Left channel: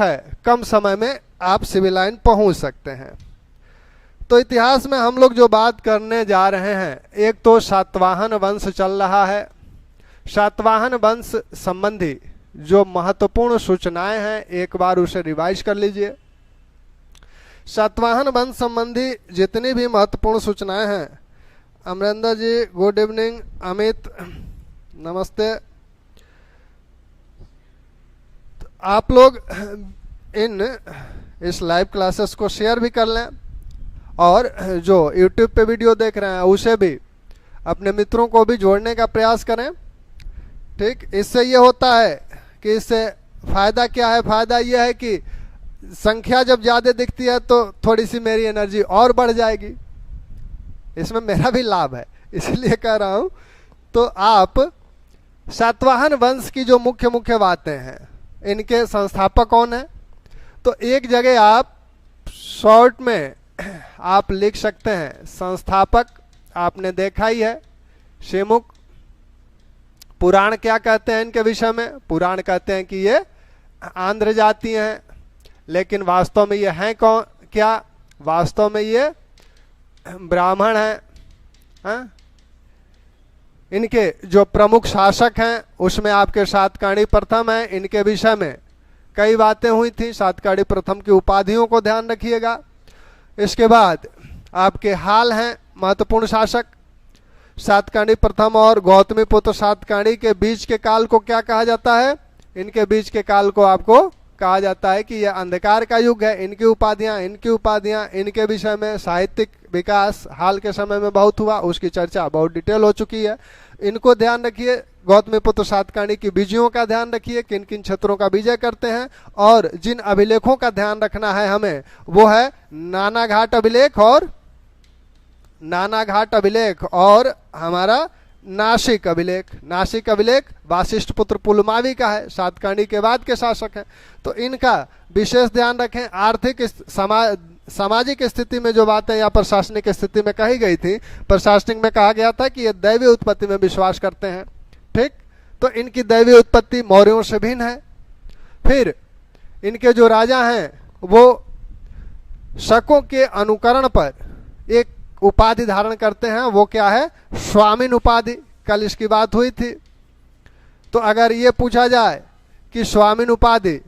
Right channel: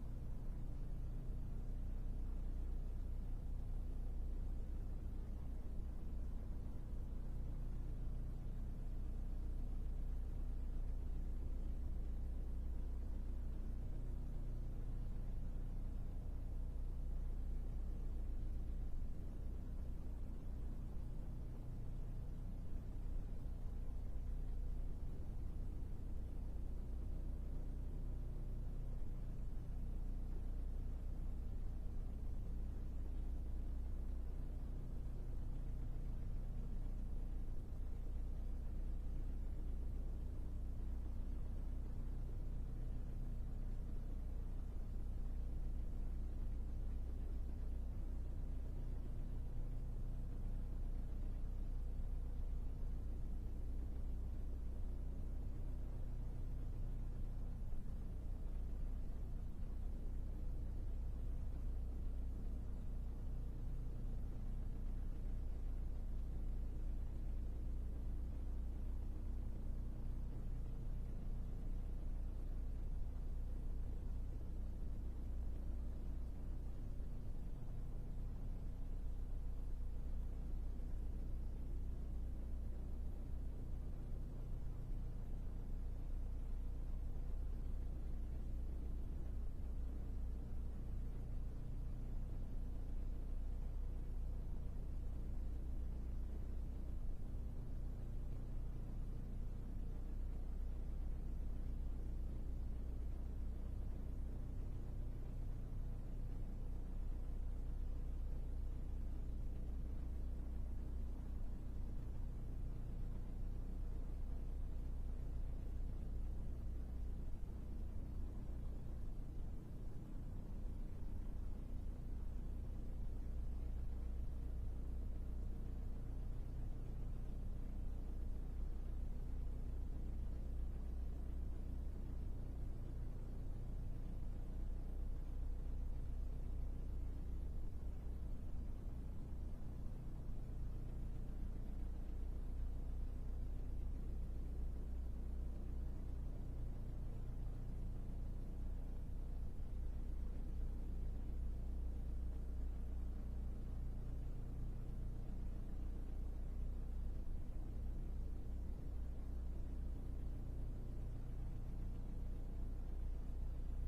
है, कम समय में आप सिविल लाइन पहुंच सकते हैं। तो इतिहास में हम लोग जो बात करने जा रहे हैं, एक तो सातवाहन वंश चल रहा है। सातवाहन वंश संबंधी जो महत्वपूर्ण सूचनाएं हैं, एक बार उसे रिवाइज कर लीजिए। सातवाहन वंश संबंधी जितनी भी महत्वपूर्ण सूचनाएं हैं, अमरिंदर जी गुड इवनिंग, अमित नमस्ते। आप लोग इस लाइव क्लासेस को शेयर भी कर लें, और जो YouTube पे वीडियो देख रहे हैं उसे भी अपने मित्रों को भी जोड़ने का प्रयास करें। ठीक, इससे ये होता है कि इससे फ़ायदा क्या है? फ़ायदा ये है कि संख्या जब ज़्यादा दिखती है तो थोड़ी सी मेरी एनर्जी और बढ़ जाएगी, इसमें मेरा भी लाभ है, इसलिए कह रहा हूँ। तो आप सातवाहन वंश की जो मुख्य मुख्य बातें हैं, इनके संस्थापक कौन है, तो एक जगह आप शॉर्ट में आप लिख सकते हैं। संस्थापक आपने देखा ही है, शेमुक। पुराण क्या कहते हैं इनके विषय में? पुराण कहते हैं कि ये आंध्र जाति हैं, लेकिन वास्तव में ये हैं कौन? क्या वास्तव में ये ब्राह्मण हैं? इनके जो प्रमुख शासक हैं उसमें आपके सातकर्णी प्रथम हैं। इनके विषय में कई बातें हुई थी। सातकर्णी प्रथम की उपाधियों को ध्यान रखिएगा। इसके बाद आपके हाल हैं महत्वपूर्ण शासक। सातकर्णी प्रथम और गौतमीपुत्र सातकर्णी के बीच के काल को क्या कहा जाता है? इनके बीच के काल को आपको कहा जाता है कि यह अंधकार का युग है। इनकी उपाधियां इनके विषय में साहित्यिक विकास हाल के समय में बहुत हुआ, उसकी चर्चा बहुत डिटेल हो चुकी है। इनको ध्यान रखिए। गौतमीपुत्र सातकर्णी की विजयों का ध्यान रखिए, किन किन क्षेत्रों का विजय करते हैं। और जिन अभिलेखों का ध्यान रखना है हमें, वो है नानाघाट अभिलेख और हमारा नासिक अभिलेख वासिष्ठ पुत्र पुलमावी का है, सातकर्णी के बाद के शासक हैं। तो इनका विशेष ध्यान रखें। आर्थिक सामाजिक स्थिति में जो बातें या प्रशासनिक स्थिति में कही गई थी, प्रशासनिक में कहा गया था कि ये दैवीय उत्पत्ति में विश्वास करते हैं। ठीक, तो इनकी दैवीय उत्पत्ति मौर्यों से भिन्न है। फिर इनके जो राजा हैं वो शकों के अनुकरण पर एक उपाधि धारण करते हैं, वो क्या है? स्वामिन उपाधि। कल इसकी बात हुई थी। तो अगर ये पूछा जाए कि स्वामिन उपाधि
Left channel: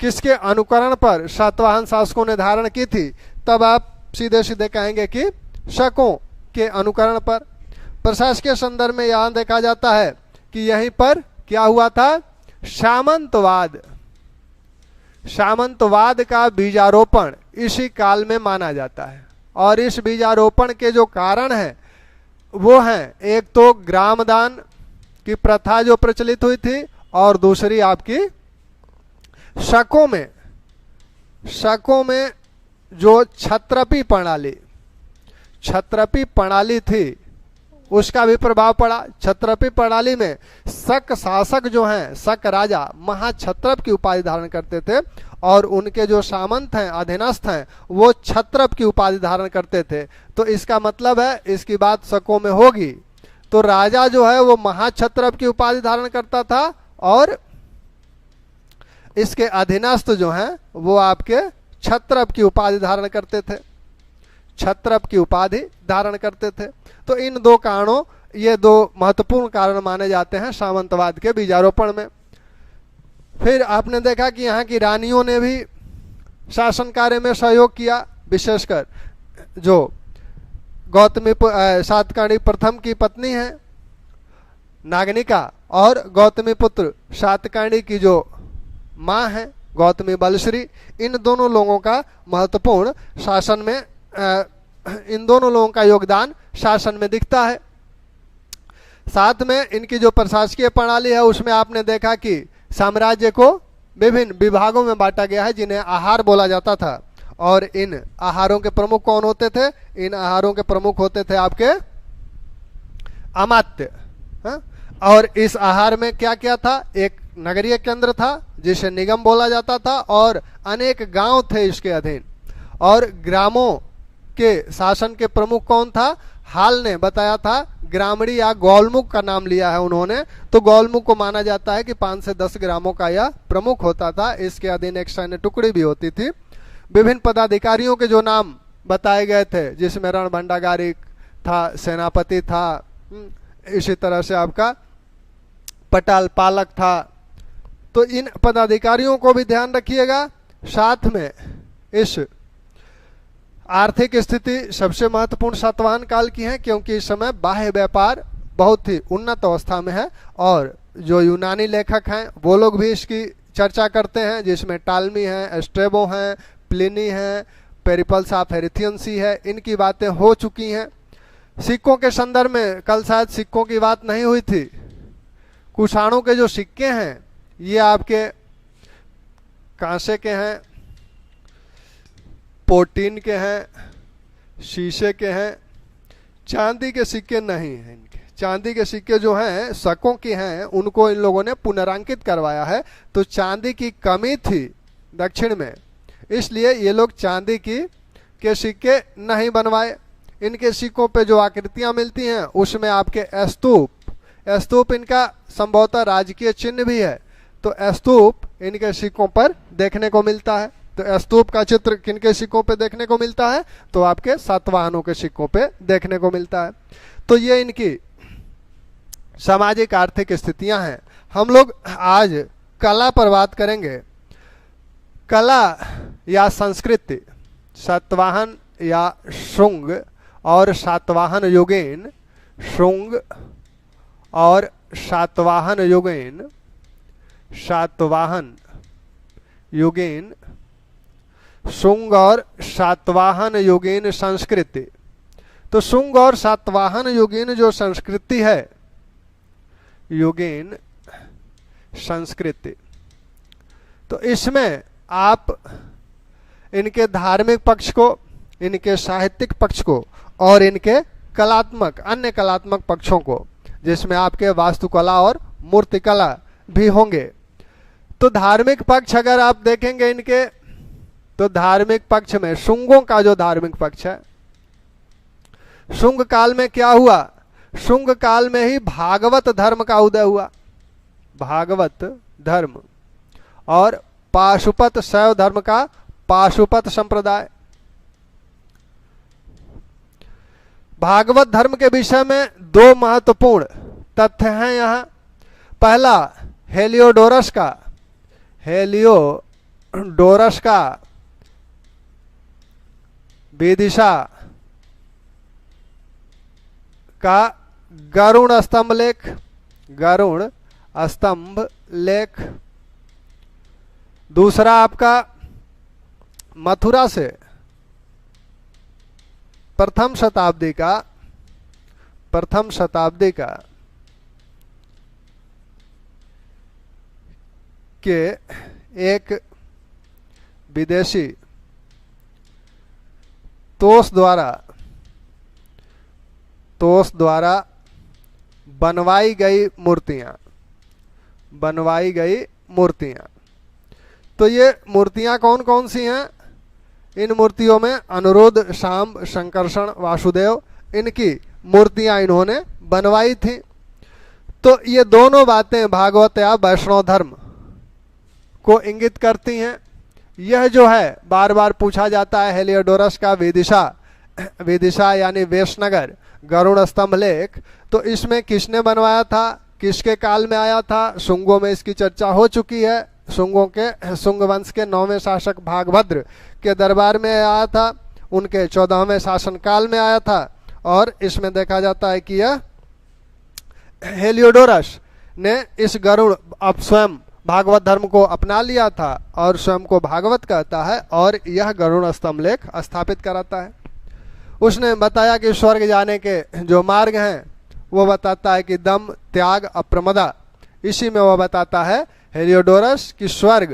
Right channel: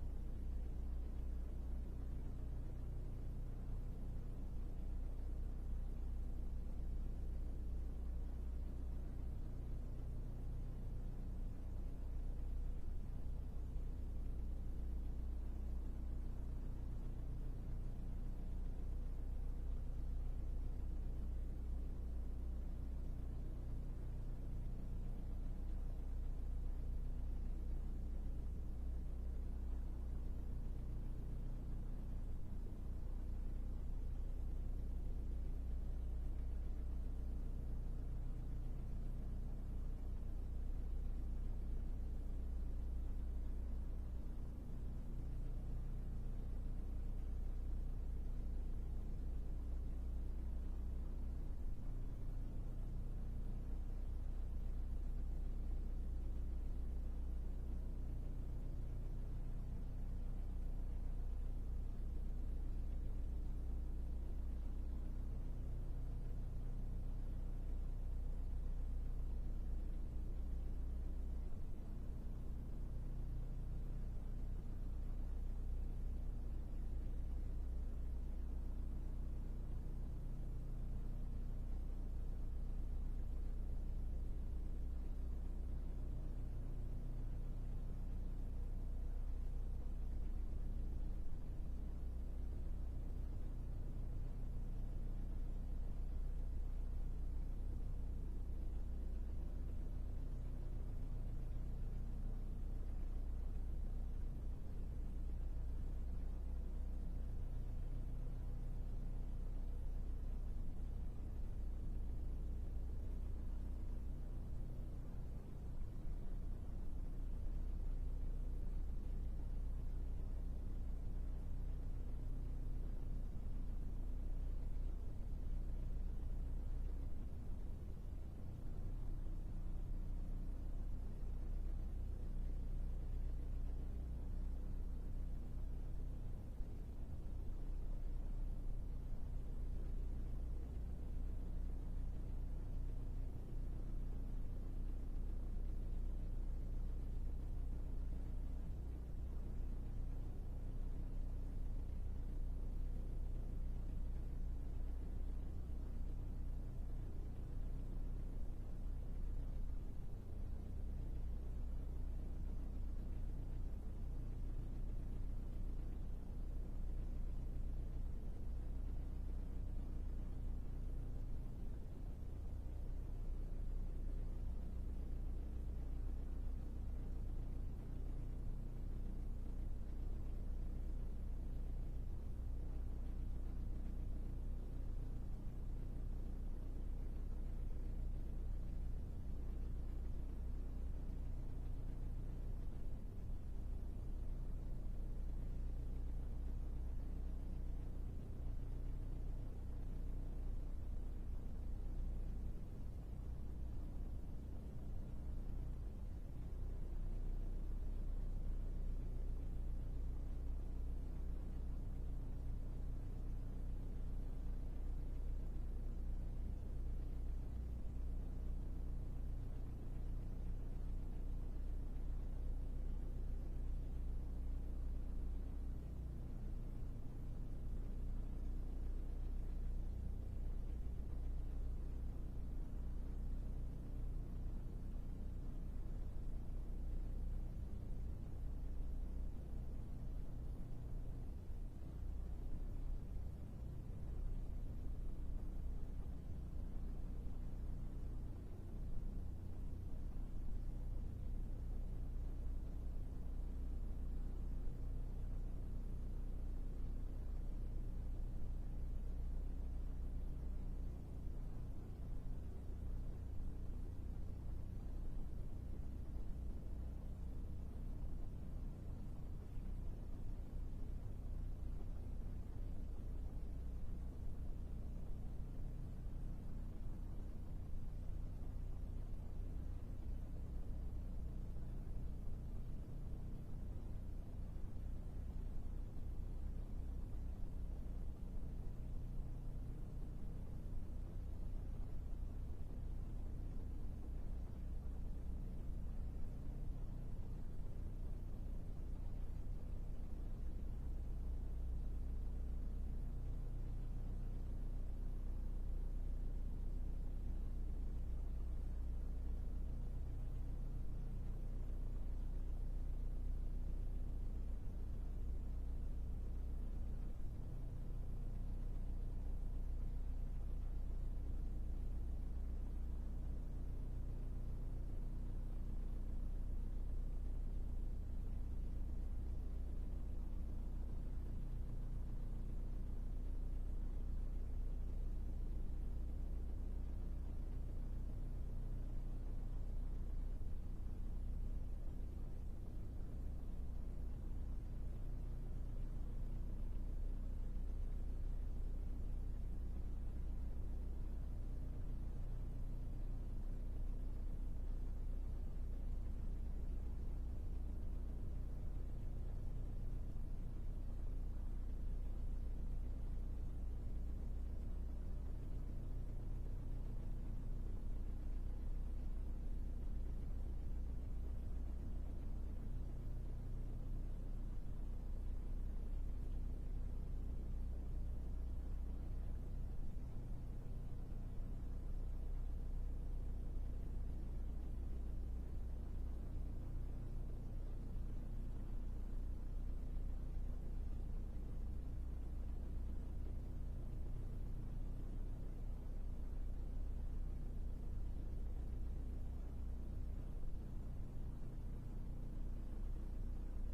किसके अनुकरण पर सातवाहन शासकों ने धारण की थी, तब आप सीधे सीधे कहेंगे कि शकों के अनुकरण पर। प्रशासकीय संदर्भ में यहाँ देखा जाता है कि यहीं पर क्या हुआ था? सामंतवाद का बीजारोपण इसी काल में माना जाता है। और इस बीजारोपण के जो कारण हैं वो हैं, एक तो ग्रामदान की प्रथा जो प्रचलित हुई थी, और दूसरी आपकी शकों में जो क्षत्रपी प्रणाली थी उसका भी प्रभाव पड़ा। क्षत्रपी प्रणाली में शक शासक जो हैं, शक राजा महाक्षत्रप की उपाधि धारण करते थे, और उनके जो सामंत हैं, अधीनस्थ हैं, वो क्षत्रप की उपाधि धारण करते थे। तो इसका मतलब है, इसकी बात शकों में होगी, तो राजा जो है वो महाक्षत्रप की उपाधि धारण करता था, और इसके अधीनस्थ जो हैं वो आपके क्षत्रप की उपाधि धारण करते थे। तो इन दो कारणों, ये दो महत्वपूर्ण कारण माने जाते हैं सामंतवाद के बीजारोपण में। फिर आपने देखा कि यहाँ की रानियों ने भी शासन कार्य में सहयोग किया, विशेषकर जो सातकर्णी प्रथम की पत्नी है नागनिका, और गौतमीपुत्र सातकर्णी की जो माँ है गौतमी बलश्री, इन दोनों लोगों का महत्वपूर्ण शासन में इन दोनों लोगों का योगदान शासन में दिखता है। साथ में इनकी जो प्रशासकीय प्रणाली है उसमें आपने देखा कि साम्राज्य को विभिन्न विभागों में बांटा गया है, जिन्हें आहार बोला जाता था। और इन आहारों के प्रमुख कौन होते थे? इन आहारों के प्रमुख होते थे आपके अमात्य। और इस आहार में क्या क्या था? एक नगरीय केंद्र था जिसे निगम बोला जाता था, और अनेक गांव थे इसके अधीन। और ग्रामों के शासन के प्रमुख कौन था? हाल ने बताया था ग्रामणी या गौलमुख का नाम लिया है उन्होंने, तो गौलमुख को माना जाता है कि 5 से 10 ग्रामों का यह प्रमुख होता था। इसके अधीन एक सैन्य टुकड़ी भी होती थी। विभिन्न पदाधिकारियों के जो नाम बताए गए थे, जिसमें रणभंडागारिक था, सेनापति था, इसी तरह से आपका पटाल पालक था। तो इन पदाधिकारियों को भी ध्यान रखिएगा। साथ में इस आर्थिक स्थिति सबसे महत्वपूर्ण सातवाहन काल की है, क्योंकि इस समय बाह्य व्यापार बहुत ही उन्नत अवस्था में है। और जो यूनानी लेखक हैं वो लोग भी इसकी चर्चा करते हैं, जिसमें टालमी है, स्ट्रेबो हैं, प्लिनी है, पेरिपल्स ऑफ हेरिथियंसी है, इनकी बातें हो चुकी हैं। सिक्कों के संदर्भ में कल शायद सिक्कों की बात नहीं हुई थी। कुषाणों के जो सिक्के हैं ये आपके कांसे के हैं, पोटीन के हैं, शीशे के हैं, चांदी के सिक्के नहीं हैं। इनके चांदी के सिक्के जो हैं शकों के हैं, उनको इन लोगों ने पुनरांकित करवाया है। तो चांदी की कमी थी दक्षिण में, इसलिए ये लोग चांदी के सिक्के नहीं बनवाए। इनके सिक्कों पे जो आकृतियां मिलती हैं उसमें आपके स्तूप इनका संभवतः राजकीय चिन्ह भी है। तो स्तूप इनके सिक्कों पर देखने को मिलता है। तो स्तूप का चित्र किनके सिक्कों पे देखने को मिलता है? तो आपके सातवाहनों के सिक्कों पे देखने को मिलता है। तो ये इनकी सामाजिक आर्थिक स्थितियां हैं। हम लोग आज कला पर बात करेंगे। कला या संस्कृति, सातवाहन या शुंग और सातवाहन युगेन, शुंग और सातवाहन युगेन, सातवाहन युगेन, शुंग और सातवाहन युगेन संस्कृति। तो शुंग और सातवाहन युगेन जो संस्कृति है, युगेन संस्कृति, तो इसमें आप इनके धार्मिक पक्ष को, इनके साहित्यिक पक्ष को और इनके कलात्मक, अन्य कलात्मक पक्षों को, जिसमें आपके वास्तुकला और मूर्तिकला भी होंगे। तो धार्मिक पक्ष अगर आप देखेंगे इनके, तो धार्मिक पक्ष में शुंगों का जो धार्मिक पक्ष है, शुंग काल में क्या हुआ? शुंग काल में ही भागवत धर्म का उदय हुआ। भागवत धर्म और पाशुपत शैव धर्म का पाशुपत संप्रदाय। भागवत धर्म के विषय में दो महत्वपूर्ण तथ्य हैं यहाँ। पहला, हेलियोडोरस का विदिशा का गरुण स्तंभ लेख। दूसरा आपका मथुरा से प्रथम शताब्दी का के एक विदेशी तोस द्वारा बनवाई गई मूर्तियां। तो ये मूर्तियां कौन कौन सी हैं? इन मूर्तियों में अनुरुद्ध, शांब, शंकरषण, वासुदेव, इनकी मूर्तियां इन्होंने बनवाई थी। तो ये दोनों बातें भागवत या वैष्णव धर्म को इंगित करती हैं। यह जो है बार बार पूछा जाता है, हेलियोडोरस का विदिशा यानी वेशनगर गरुड़ स्तंभ लेख, तो इसमें किसने बनवाया था, किसके काल में आया था? शुंगों में इसकी चर्चा हो चुकी है। शुंग वंश के 9वें शासक भागभद्र के दरबार में आया था, उनके 14वें शासन काल में आया था। और इसमें देखा जाता है कि यह हेलियोडोरस ने इस गरुड़ अब स्वयं भागवत धर्म को अपना लिया था और स्वयं को भागवत कहता है और यह गरुड़ स्तंभ लेख स्थापित कराता है। उसने बताया कि स्वर्ग जाने के जो मार्ग हैं वो बताता है कि दम, त्याग, अप्रमदा। इसी में वो बताता है हेलियोडोरस कि स्वर्ग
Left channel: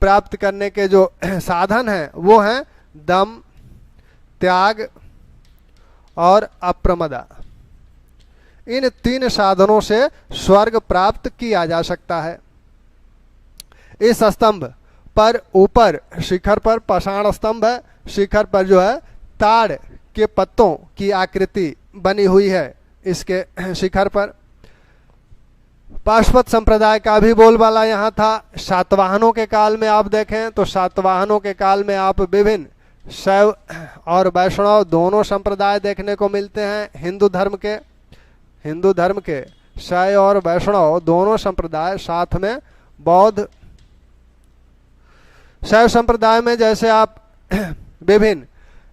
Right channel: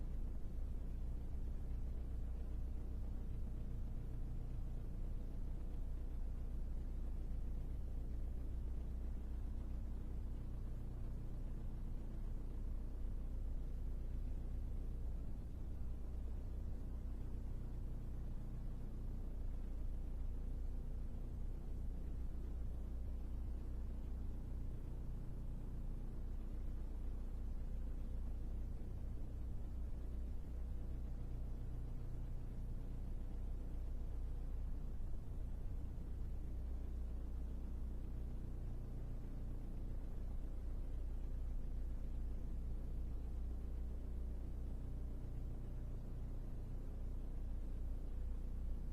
प्राप्त करने के जो साधन हैं वो हैं दम, त्याग और अप्रमदा। इन 3 साधनों से स्वर्ग प्राप्त किया जा सकता है। इस स्तंभ पर ऊपर शिखर पर पाषाण स्तंभ है। शिखर पर जो है ताड़ के पत्तों की आकृति बनी हुई है। इसके शिखर पर। पाशुपत संप्रदाय का भी बोलबाला यहाँ था। सातवाहनों के काल में आप देखें तो सातवाहनों के काल में आप विभिन्न शैव और वैष्णव दोनों संप्रदाय देखने को मिलते हैं। हिंदू धर्म के शैव और वैष्णव दोनों संप्रदाय, साथ में बौद्ध। शैव संप्रदाय में जैसे आप विभिन्न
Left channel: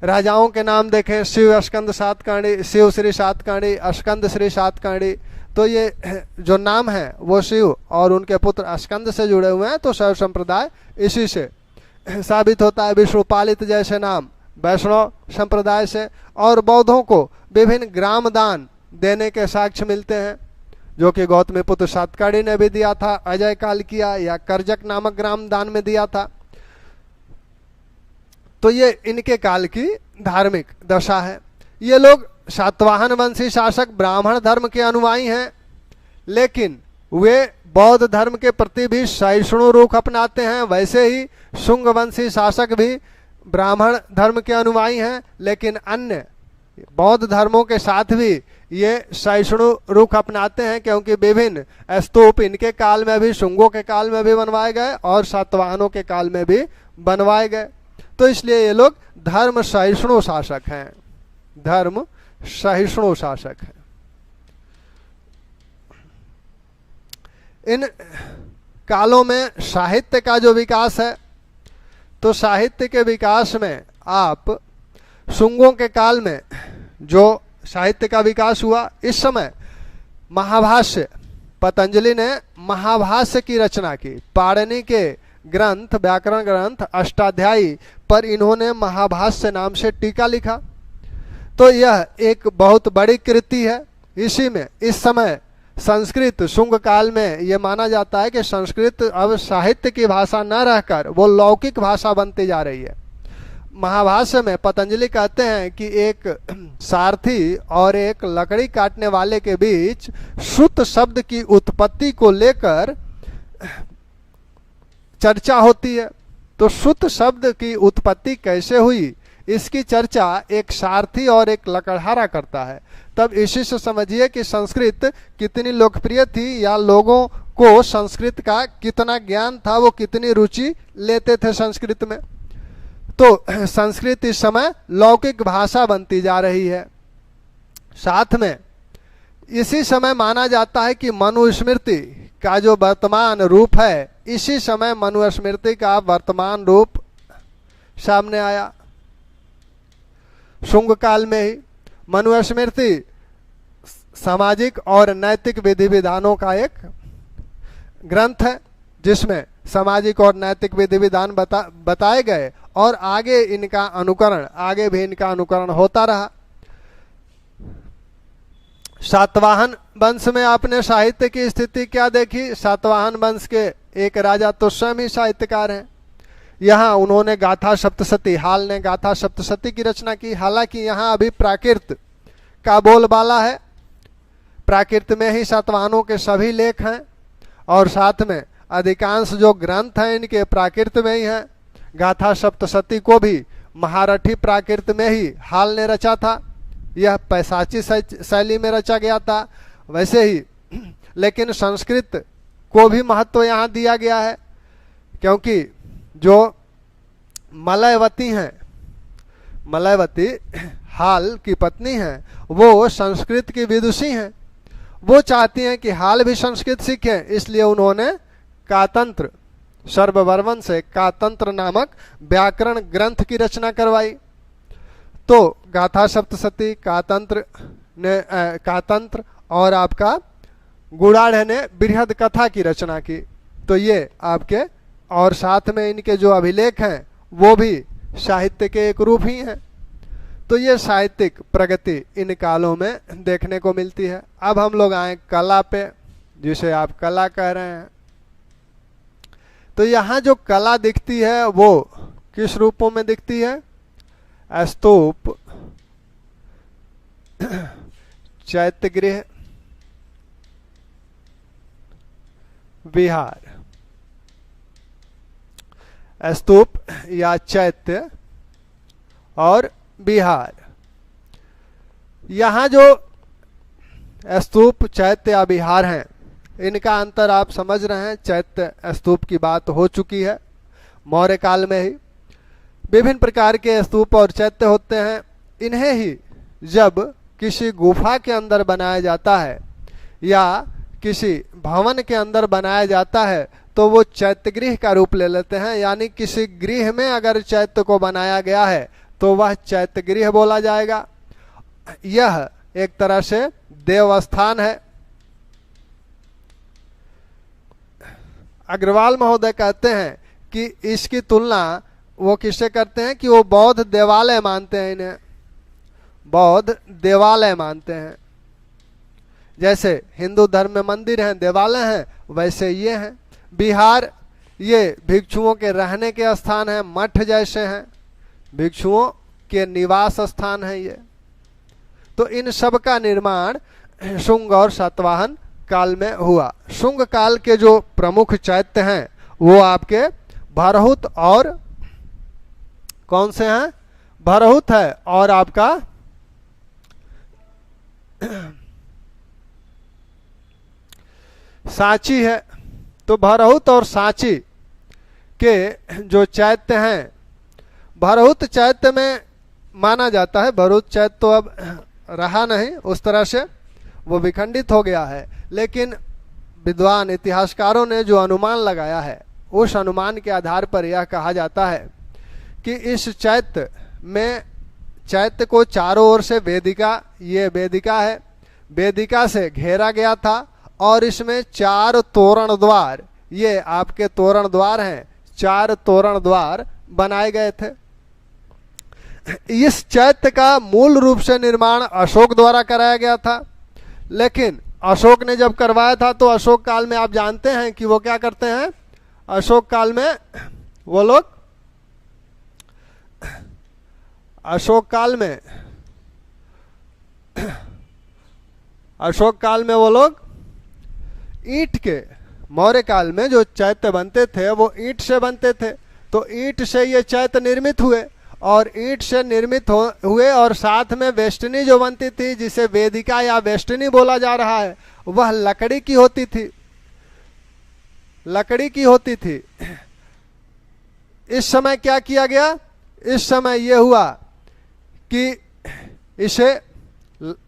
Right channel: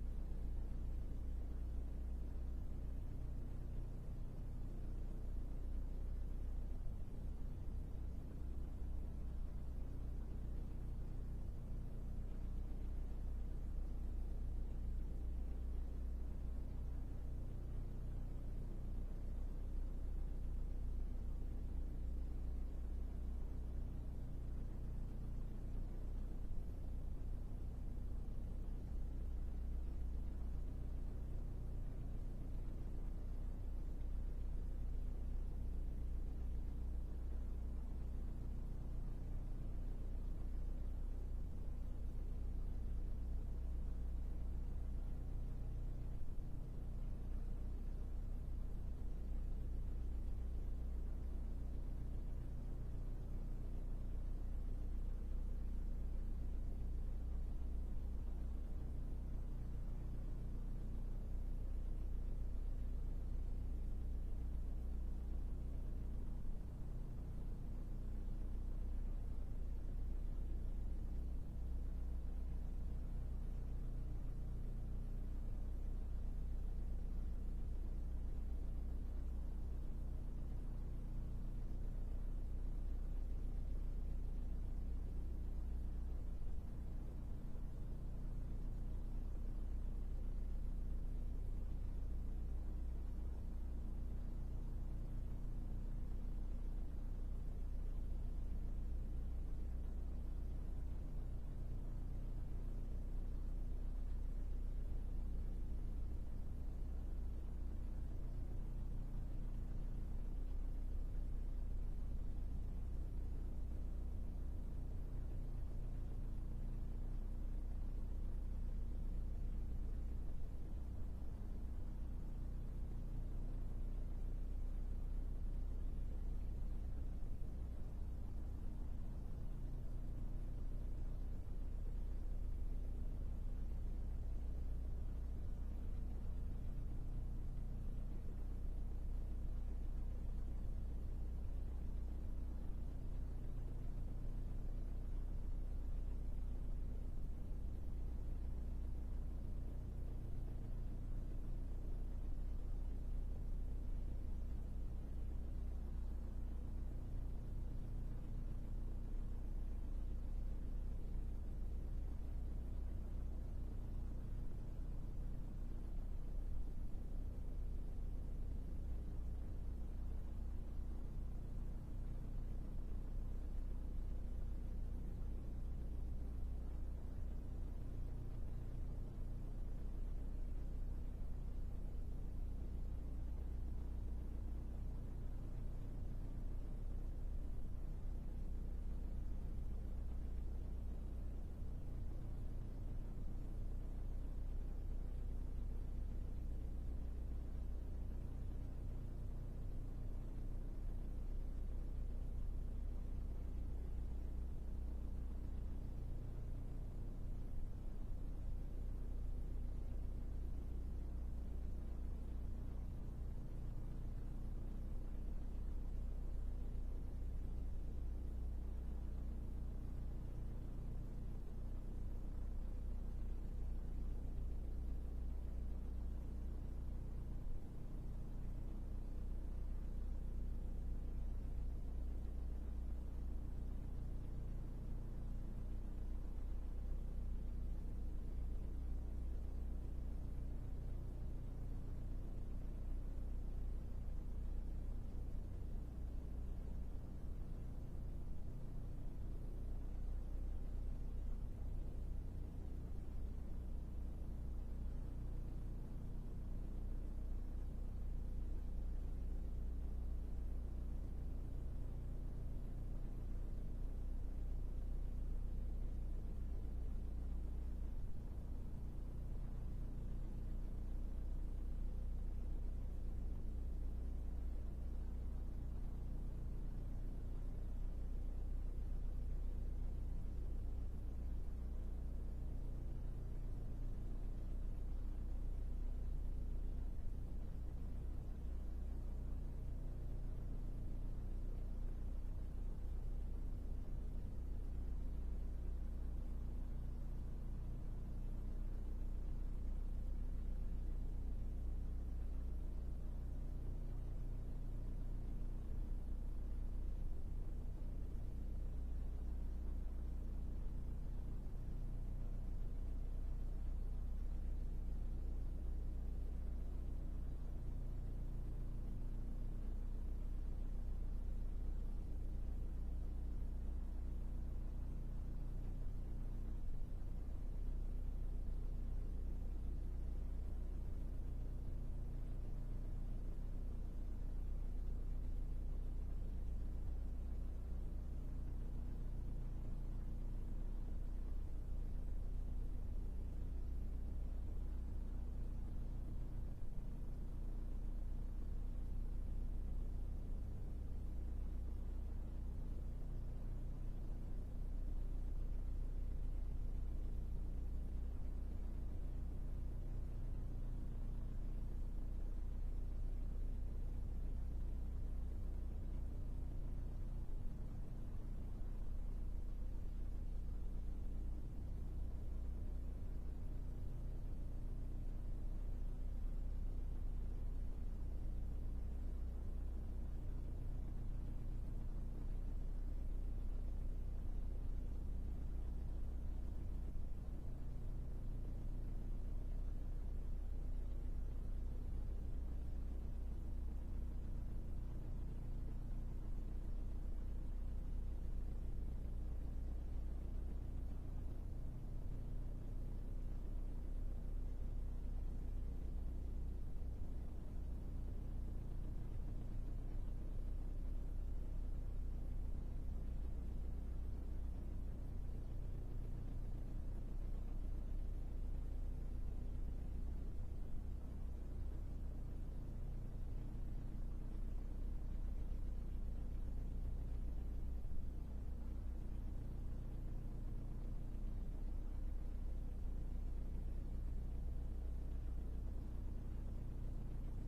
राजाओं के नाम देखें, शिव स्कंद सातकाणी, शिव श्री सातकाणी, स्कंद श्री सातकाणी, तो ये जो नाम है वो शिव और उनके पुत्र स्कंद से जुड़े हुए हैं, तो शैव संप्रदाय इसी से साबित होता है। विष्णुपालित जैसे नाम वैष्णव संप्रदाय से। और बौद्धों को विभिन्न ग्राम दान देने के साक्ष्य मिलते हैं, जो कि गौतमीपुत्र सातकाणी ने भी दिया था, अजय काल किया, या करजक नामक ग्राम दान में दिया था। तो ये इनके काल की धार्मिक दशा है। ये लोग सातवाहन वंशी शासक ब्राह्मण धर्म के अनुयायी हैं, लेकिन वे बौद्ध धर्म के प्रति भी सहिष्णु रुख अपनाते हैं। वैसे ही शुंग वंशी शासक भी ब्राह्मण धर्म के अनुयायी हैं, लेकिन अन्य बौद्ध धर्मों के साथ भी ये सहिष्णु रुख अपनाते हैं, क्योंकि विभिन्न स्तूप इनके काल में भी, शुंगों के काल में भी बनवाए गए और सातवाहनों के काल में भी बनवाए गए। तो इसलिए ये लोग धर्म सहिष्णु शासक हैं, धर्म सहिष्णु शासक है। इन कालों में साहित्य का जो विकास है, तो साहित्य के विकास में आप शुंगों के काल में जो साहित्य का विकास हुआ, इस समय महाभाष्य, पतंजलि ने महाभाष्य की रचना की। पाणिनि के ग्रंथ, व्याकरण ग्रंथ अष्टाध्यायी पर इन्होंने महाभाष्य नाम से टीका लिखा। तो यह एक बहुत बड़ी कृति है। इसी में इस समय संस्कृत, शुंग काल में यह माना जाता है कि संस्कृत अब साहित्य की भाषा न रहकर वो लौकिक भाषा बनती जा रही है। महाभाष्य में पतंजलि कहते हैं कि एक सारथी और एक लकड़ी काटने वाले के बीच श्रुत शब्द की उत्पत्ति को लेकर चर्चा होती है। तो श्रुत शब्द की उत्पत्ति कैसे हुई, इसकी चर्चा एक सारथी और एक लकड़हारा करता है। तब इसी से समझिए कि संस्कृत कितनी लोकप्रिय थी, या लोगों को संस्कृत का कितना ज्ञान था, वो कितनी रुचि लेते थे संस्कृत में। तो संस्कृत इस समय लौकिक भाषा बनती जा रही है। साथ में इसी समय माना जाता है कि मनुस्मृति का जो वर्तमान रूप है, इसी समय मनुस्मृति का वर्तमान रूप सामने आया। शुंग काल में ही मनुस्मृति सामाजिक और नैतिक विधि विधानों का एक ग्रंथ है, जिसमें सामाजिक और नैतिक विधि विधान बताए गए, और आगे भी इनका अनुकरण होता रहा। सातवाहन वंश में आपने साहित्य की स्थिति क्या देखी। सातवाहन वंश के एक राजा तो स्वयं ही साहित्यकार हैं। यहाँ उन्होंने गाथा सप्तशती, हाल ने गाथा सप्तशती की रचना की। हालांकि यहाँ अभी प्राकृत का बोलबाला है, प्राकृत में ही सातवाहनों के सभी लेख हैं, और साथ में अधिकांश जो ग्रंथ हैं इनके प्राकृत में ही हैं। गाथा सप्तशती को भी महारठी प्राकृत में ही हाल ने रचा था। यह पैशाची शैली में रचा गया था वैसे ही, लेकिन संस्कृत को भी महत्व यहाँ दिया गया है, क्योंकि जो मलयवती हैं, मलयवती हाल की पत्नी हैं, वो संस्कृत की विदुषी हैं। वो चाहती हैं कि हाल भी संस्कृत सीखें, इसलिए उन्होंने कातंत्र, सर्ववर्मन से कातंत्र नामक व्याकरण ग्रंथ की रचना करवाई। तो गाथा सप्तशती, कातंत्र और आपका गुड़ाढ़ ने बृहद कथा की रचना की। तो ये आपके, और साथ में इनके जो अभिलेख हैं वो भी साहित्य के एक रूप ही हैं। तो ये साहित्यिक प्रगति इन कालों में देखने को मिलती है। अब हम लोग आए कला पे, जिसे आप कला कह रहे हैं। तो यहाँ जो कला दिखती है वो किस रूपों में दिखती है। स्तूप, चैत्यगृह, विहार। स्तूप या चैत्य और विहार, यहाँ जो स्तूप, चैत्य या विहार हैं। इनका अंतर आप समझ रहे हैं। चैत्य स्तूप की बात हो चुकी है मौर्य काल में ही। विभिन्न प्रकार के स्तूप और चैत्य होते हैं। इन्हें ही जब किसी गुफा के अंदर बनाया जाता है या किसी भवन के अंदर बनाया जाता है तो वो चैत्यगृह का रूप ले लेते हैं। यानी किसी गृह में अगर चैत्य को बनाया गया है तो वह चैत्यगृह बोला जाएगा। यह एक तरह से देवस्थान है। अग्रवाल महोदय कहते हैं कि इसकी तुलना वो किससे करते हैं कि वो बौद्ध देवालय मानते हैं, इन्हें बौद्ध देवालय मानते हैं। जैसे हिंदू धर्म में मंदिर हैं, देवालय हैं, वैसे ये हैं। विहार ये भिक्षुओं के रहने के स्थान हैं, मठ जैसे हैं, भिक्षुओं के निवास स्थान है ये। तो इन सब का निर्माण शुंग और सातवाहन काल में हुआ। शुंग काल के जो प्रमुख चैत्य हैं वो आपके भरहुत और कौन से हैं? भरहुत है और आपका सांची है। तो भरहुत और सांची के जो चैत्य हैं, भरहुत चैत्य में माना जाता है, भरहुत चैत्य तो अब रहा नहीं उस तरह से, वो विखंडित हो गया है। लेकिन विद्वान इतिहासकारों ने जो अनुमान लगाया है उस अनुमान के आधार पर यह कहा जाता है कि इस चैत्य में, चैत्य को चारों ओर से वेदिका, ये वेदिका है, वेदिका से घेरा गया था और इसमें 4 तोरण द्वार, ये आपके तोरण द्वार हैं, 4 तोरण द्वार बनाए गए थे। इस चैत्य का मूल रूप से निर्माण अशोक द्वारा कराया गया था। लेकिन अशोक ने जब करवाया था तो अशोक काल में आप जानते हैं कि वो क्या करते हैं, अशोक काल में वो लोग, अशोक काल में वो लोग ईंट के, मौर्य काल में जो चैत्य बनते थे वो ईंट से बनते थे। तो ईंट से ये चैत्य निर्मित हुए और ईंट से निर्मित हुए और साथ में वेष्टनी जो बनती थी, जिसे वेदिका या वेष्टनी बोला जा रहा है, वह लकड़ी की होती थी, लकड़ी की होती थी। इस समय क्या किया गया, इस समय यह हुआ कि इसे,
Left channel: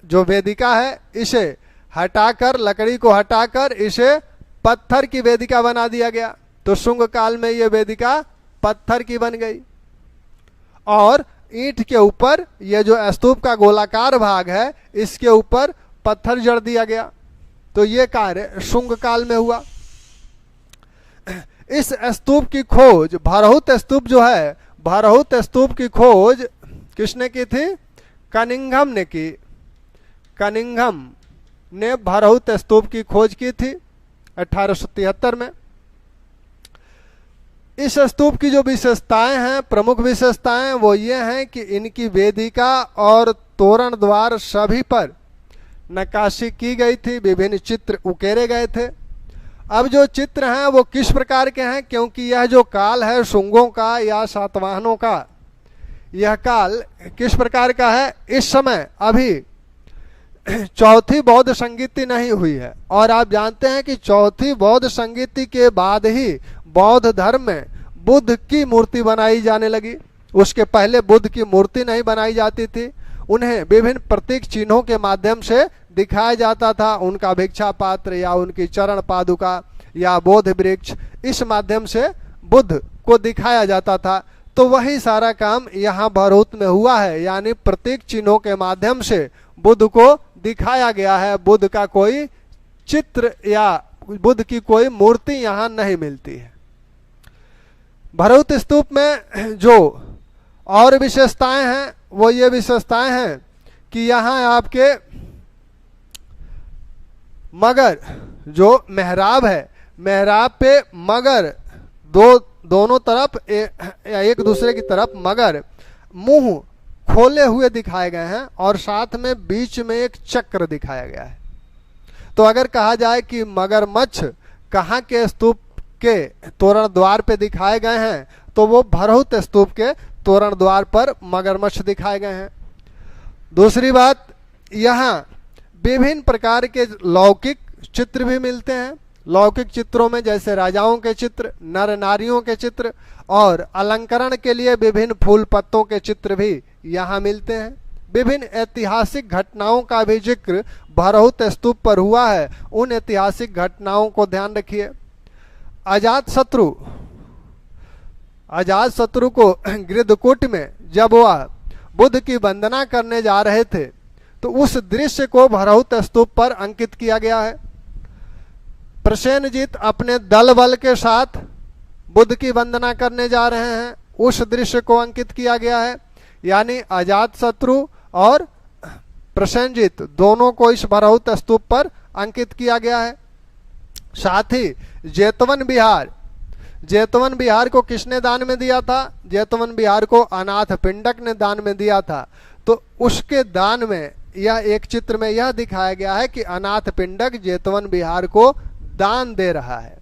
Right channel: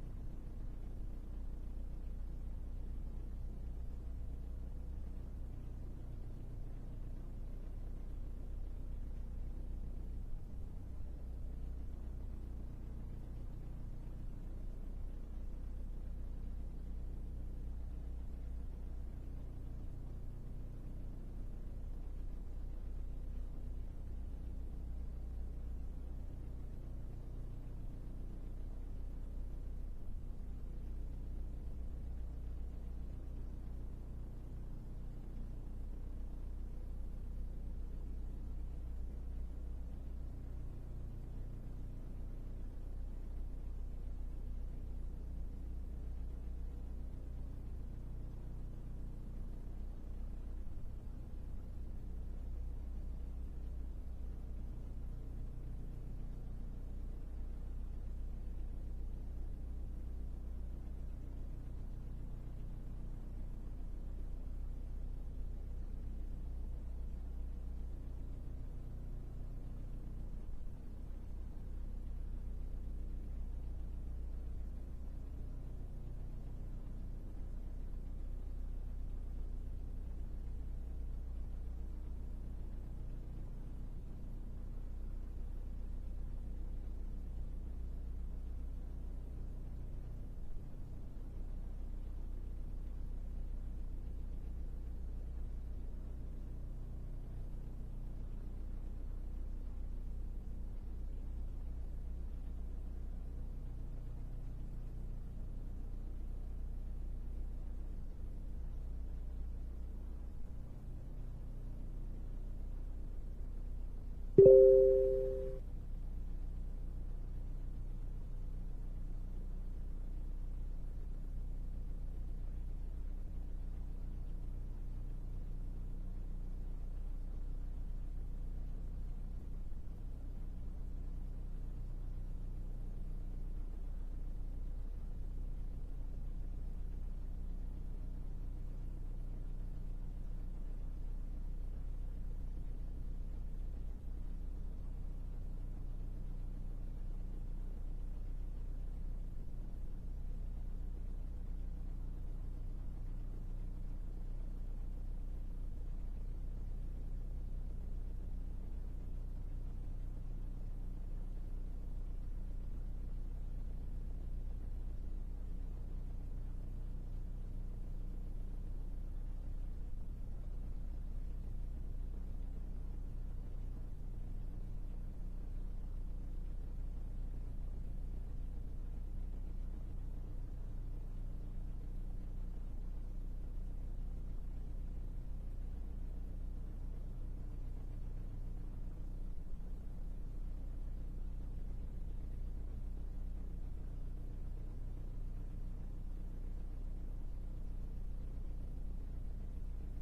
जो वेदिका है, इसे हटाकर, लकड़ी को हटाकर इसे पत्थर की वेदिका बना दिया गया। तो शुंग काल में ये वेदिका पत्थर की बन गई और ईंट के ऊपर ये जो स्तूप का गोलाकार भाग है इसके ऊपर पत्थर जड़ दिया गया। तो ये कार्य शुंग काल में हुआ। इस स्तूप की खोज, भरहुत स्तूप जो है, भरहुत स्तूप की खोज किसने की थी? कनिंघम ने की। कनिंघम ने भरहुत स्तूप की खोज की थी 1873 में। इस स्तूप की जो विशेषताएं हैं, प्रमुख विशेषताएं, वो ये हैं कि इनकी वेदिका और तोरण द्वार सभी पर नक्काशी की गई थी, विभिन्न चित्र उकेरे गए थे। अब जो चित्र हैं वो किस प्रकार के हैं, क्योंकि यह जो काल है शुंगों का या सातवाहनों का, यह काल किस प्रकार का है? इस समय अभी चौथी बौद्ध संगीति नहीं हुई है और आप जानते हैं कि चौथी बौद्ध संगीति के बाद ही बौद्ध धर्म में बुद्ध की मूर्ति बनाई जाने लगी। उसके पहले बुद्ध की मूर्ति नहीं बनाई जाती थी, उन्हें विभिन्न प्रतीक चिन्हों के माध्यम से दिखाया जाता था। उनका भिक्षा पात्र या उनकी चरण पादुका या बोध वृक्ष, इस माध्यम से बुद्ध को दिखाया जाता था। तो वही सारा काम यहाँ भरहुत में हुआ है, यानी प्रतीक चिन्हों के माध्यम से बुद्ध को दिखाया गया है। बुद्ध का कोई चित्र या बुद्ध की कोई मूर्ति यहाँ नहीं मिलती है। भरहुत स्तूप में जो और विशेषताएं हैं वो ये विशेषताएं हैं कि यहाँ आपके मगर, जो मेहराब है, मेहराब पे मगर दोनों तरफ एक दूसरे की तरफ मगर मुंह खोले हुए दिखाए गए हैं और साथ में बीच में एक चक्र दिखाया गया है। तो अगर कहा जाए कि मगरमच्छ कहाँ के स्तूप के तोरण द्वार पे दिखाए गए हैं, तो वो भरहुत स्तूप के तोरण द्वार पर मगरमच्छ दिखाए गए हैं। दूसरी बात, यहाँ विभिन्न प्रकार के लौकिक चित्र भी मिलते हैं। लौकिक चित्रों में जैसे राजाओं के चित्र, नर नारियों के चित्र और अलंकरण के लिए विभिन्न फूल पत्तों के चित्र भी यहाँ मिलते हैं। विभिन्न ऐतिहासिक घटनाओं का भी जिक्र भरहुत स्तूप पर हुआ है। उन ऐतिहासिक घटनाओं को ध्यान रखिए। अजातशत्रु को गृद्धकूट में जब वह बुद्ध की वंदना करने जा रहे थे तो उस दृश्य को भरहुत स्तूप पर अंकित किया गया है। प्रसेनजीत अपने दल बल के साथ बुद्ध की वंदना करने जा रहे हैं, उस दृश्य को अंकित किया गया है। यानी अजातशत्रु और प्रसेनजीत दोनों को इस भरहुत स्तूप पर अंकित किया गया है। साथ ही जेतवन बिहार को किसने दान में दिया था? जेतवन बिहार को अनाथ पिंडक ने दान में दिया था। तो उसके दान में यह एक चित्र में यह दिखाया गया है कि अनाथ पिंडक जेतवन बिहार को दान दे रहा है।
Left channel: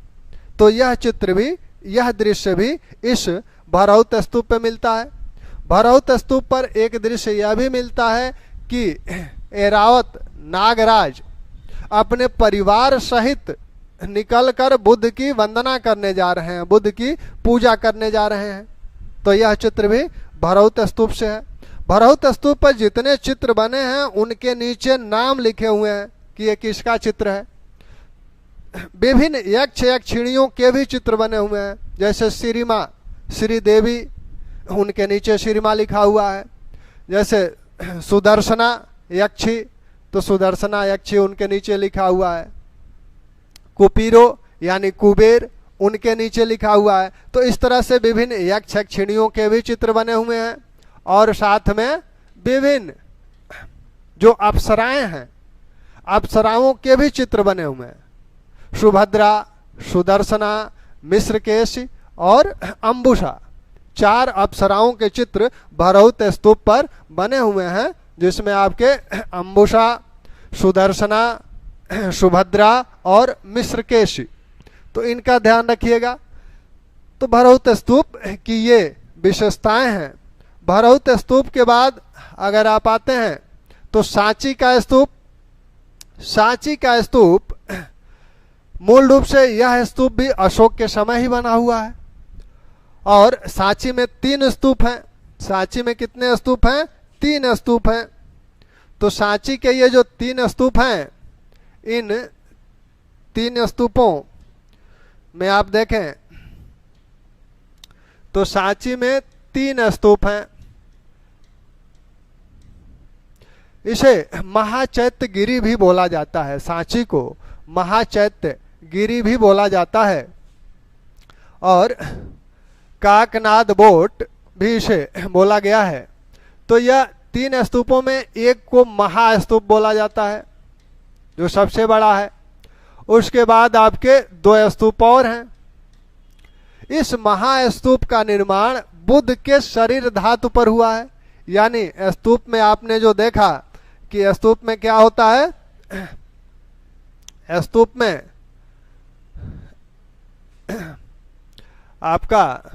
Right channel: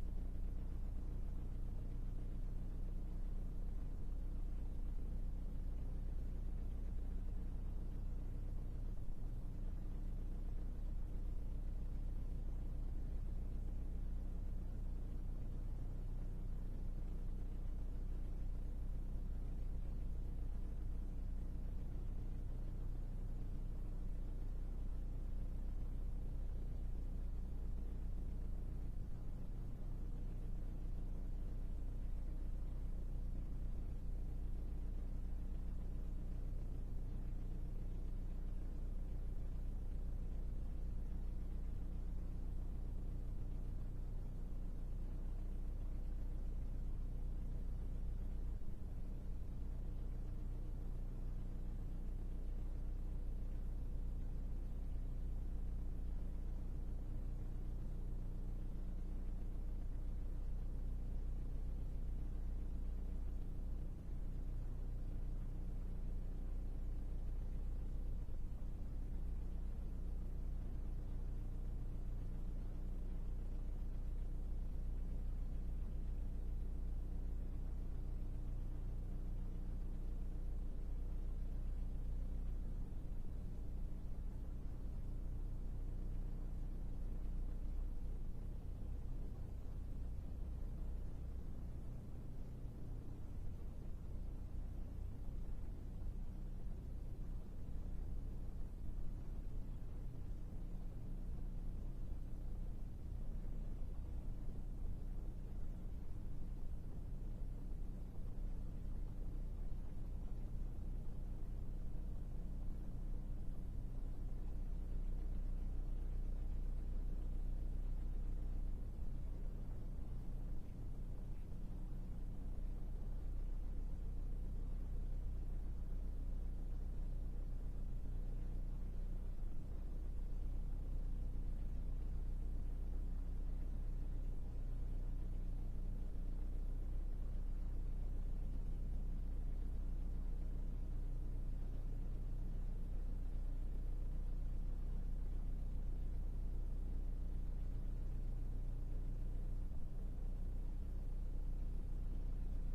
तो यह चित्र भी, यह दृश्य भी इस भरहुत स्तूप पे मिलता है। भरहुत स्तूप पर एक दृश्य यह भी मिलता है कि ऐरावत नागराज अपने परिवार सहित निकलकर बुद्ध की वंदना करने जा रहे हैं, बुद्ध की पूजा करने जा रहे हैं। तो यह चित्र भी भरहुत स्तूप से है। भरहुत स्तूप पर जितने चित्र बने हैं उनके नीचे नाम लिखे हुए हैं कि ये किसका चित्र है। विभिन्न यक्ष यक्षिणियों के भी चित्र बने हुए हैं, जैसे श्रीमा श्रीदेवी, उनके नीचे श्रीमा लिखा हुआ है। जैसे सुदर्शना यक्षी, तो सुदर्शना यक्षी उनके नीचे लिखा हुआ है। कुपीरो यानी कुबेर, उनके नीचे लिखा हुआ है। तो इस तरह से विभिन्न यक्ष यक्षिणियों के भी चित्र बने हुए हैं और साथ में विभिन्न जो अप्सराएं हैं, अप्सराओं के भी चित्र बने हुए हैं। सुभद्रा, सुदर्शना, मिश्रकेश और अंबुशा, 4 अप्सराओं के चित्र भरहुत स्तूप पर बने हुए हैं, जिसमें आपके अंबुशा, सुदर्शना, सुभद्रा और मिश्रकेशी। तो इनका ध्यान रखिएगा। तो भरहुत स्तूप की ये विशेषताएं हैं। भरहुत स्तूप के बाद अगर आप आते हैं तो सांची का स्तूप। सांची का स्तूप मूल रूप से यह स्तूप भी अशोक के समय ही बना हुआ है और सांची में 3 स्तूप हैं। सांची में कितने स्तूप हैं? 3 स्तूप हैं। तो सांची के ये जो 3 स्तूप हैं, इन 3 स्तूपों में आप देखें तो सांची में 3 स्तूप हैं। इसे महाचैत्य गिरी भी बोला जाता है। सांची को महाचैत्य गिरी भी बोला जाता है और काकनाद बोट भी इसे बोला गया है। तो यह 3 स्तूपों में एक को महास्तूप बोला जाता है, जो सबसे बड़ा है। उसके बाद आपके 2 स्तूप और हैं। इस महास्तूप का निर्माण बुद्ध के शरीर धातु पर हुआ है। यानी स्तूप में आपने जो देखा कि स्तूप में क्या होता है, स्तूप में आपका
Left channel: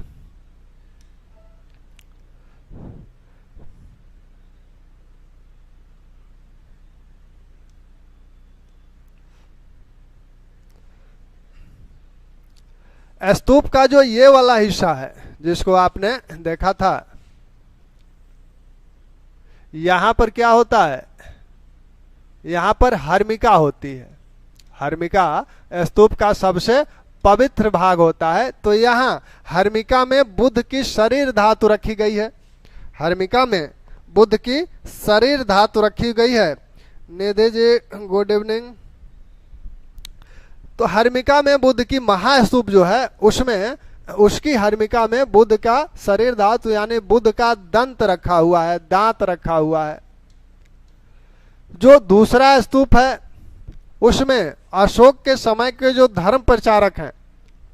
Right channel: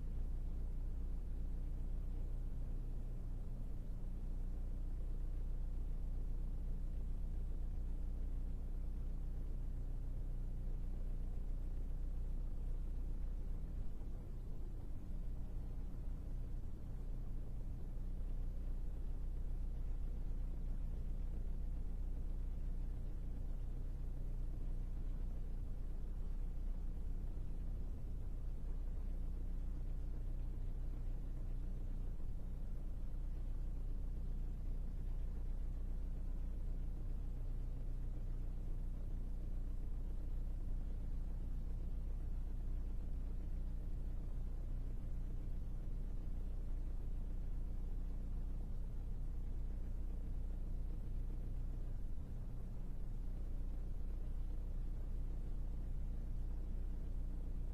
स्तूप का जो ये वाला हिस्सा है जिसको आपने देखा था, यहां पर क्या होता है, यहां पर हर्मिका होती है। हर्मिका स्तूप का सबसे पवित्र भाग होता है। तो यहाँ हर्मिका में बुद्ध की शरीर धातु रखी गई है। हर्मिका में बुद्ध की शरीर धातु रखी गई है। नेदे जी गुड इवनिंग। तो हर्मिका में बुद्ध की महास्तूप जो है उसमें, उसकी हर्मिका में बुद्ध का शरीर धातु यानी बुद्ध का दंत रखा हुआ है, दांत रखा हुआ है। जो दूसरा स्तूप है उसमें अशोक के समय के जो धर्म प्रचारक हैं,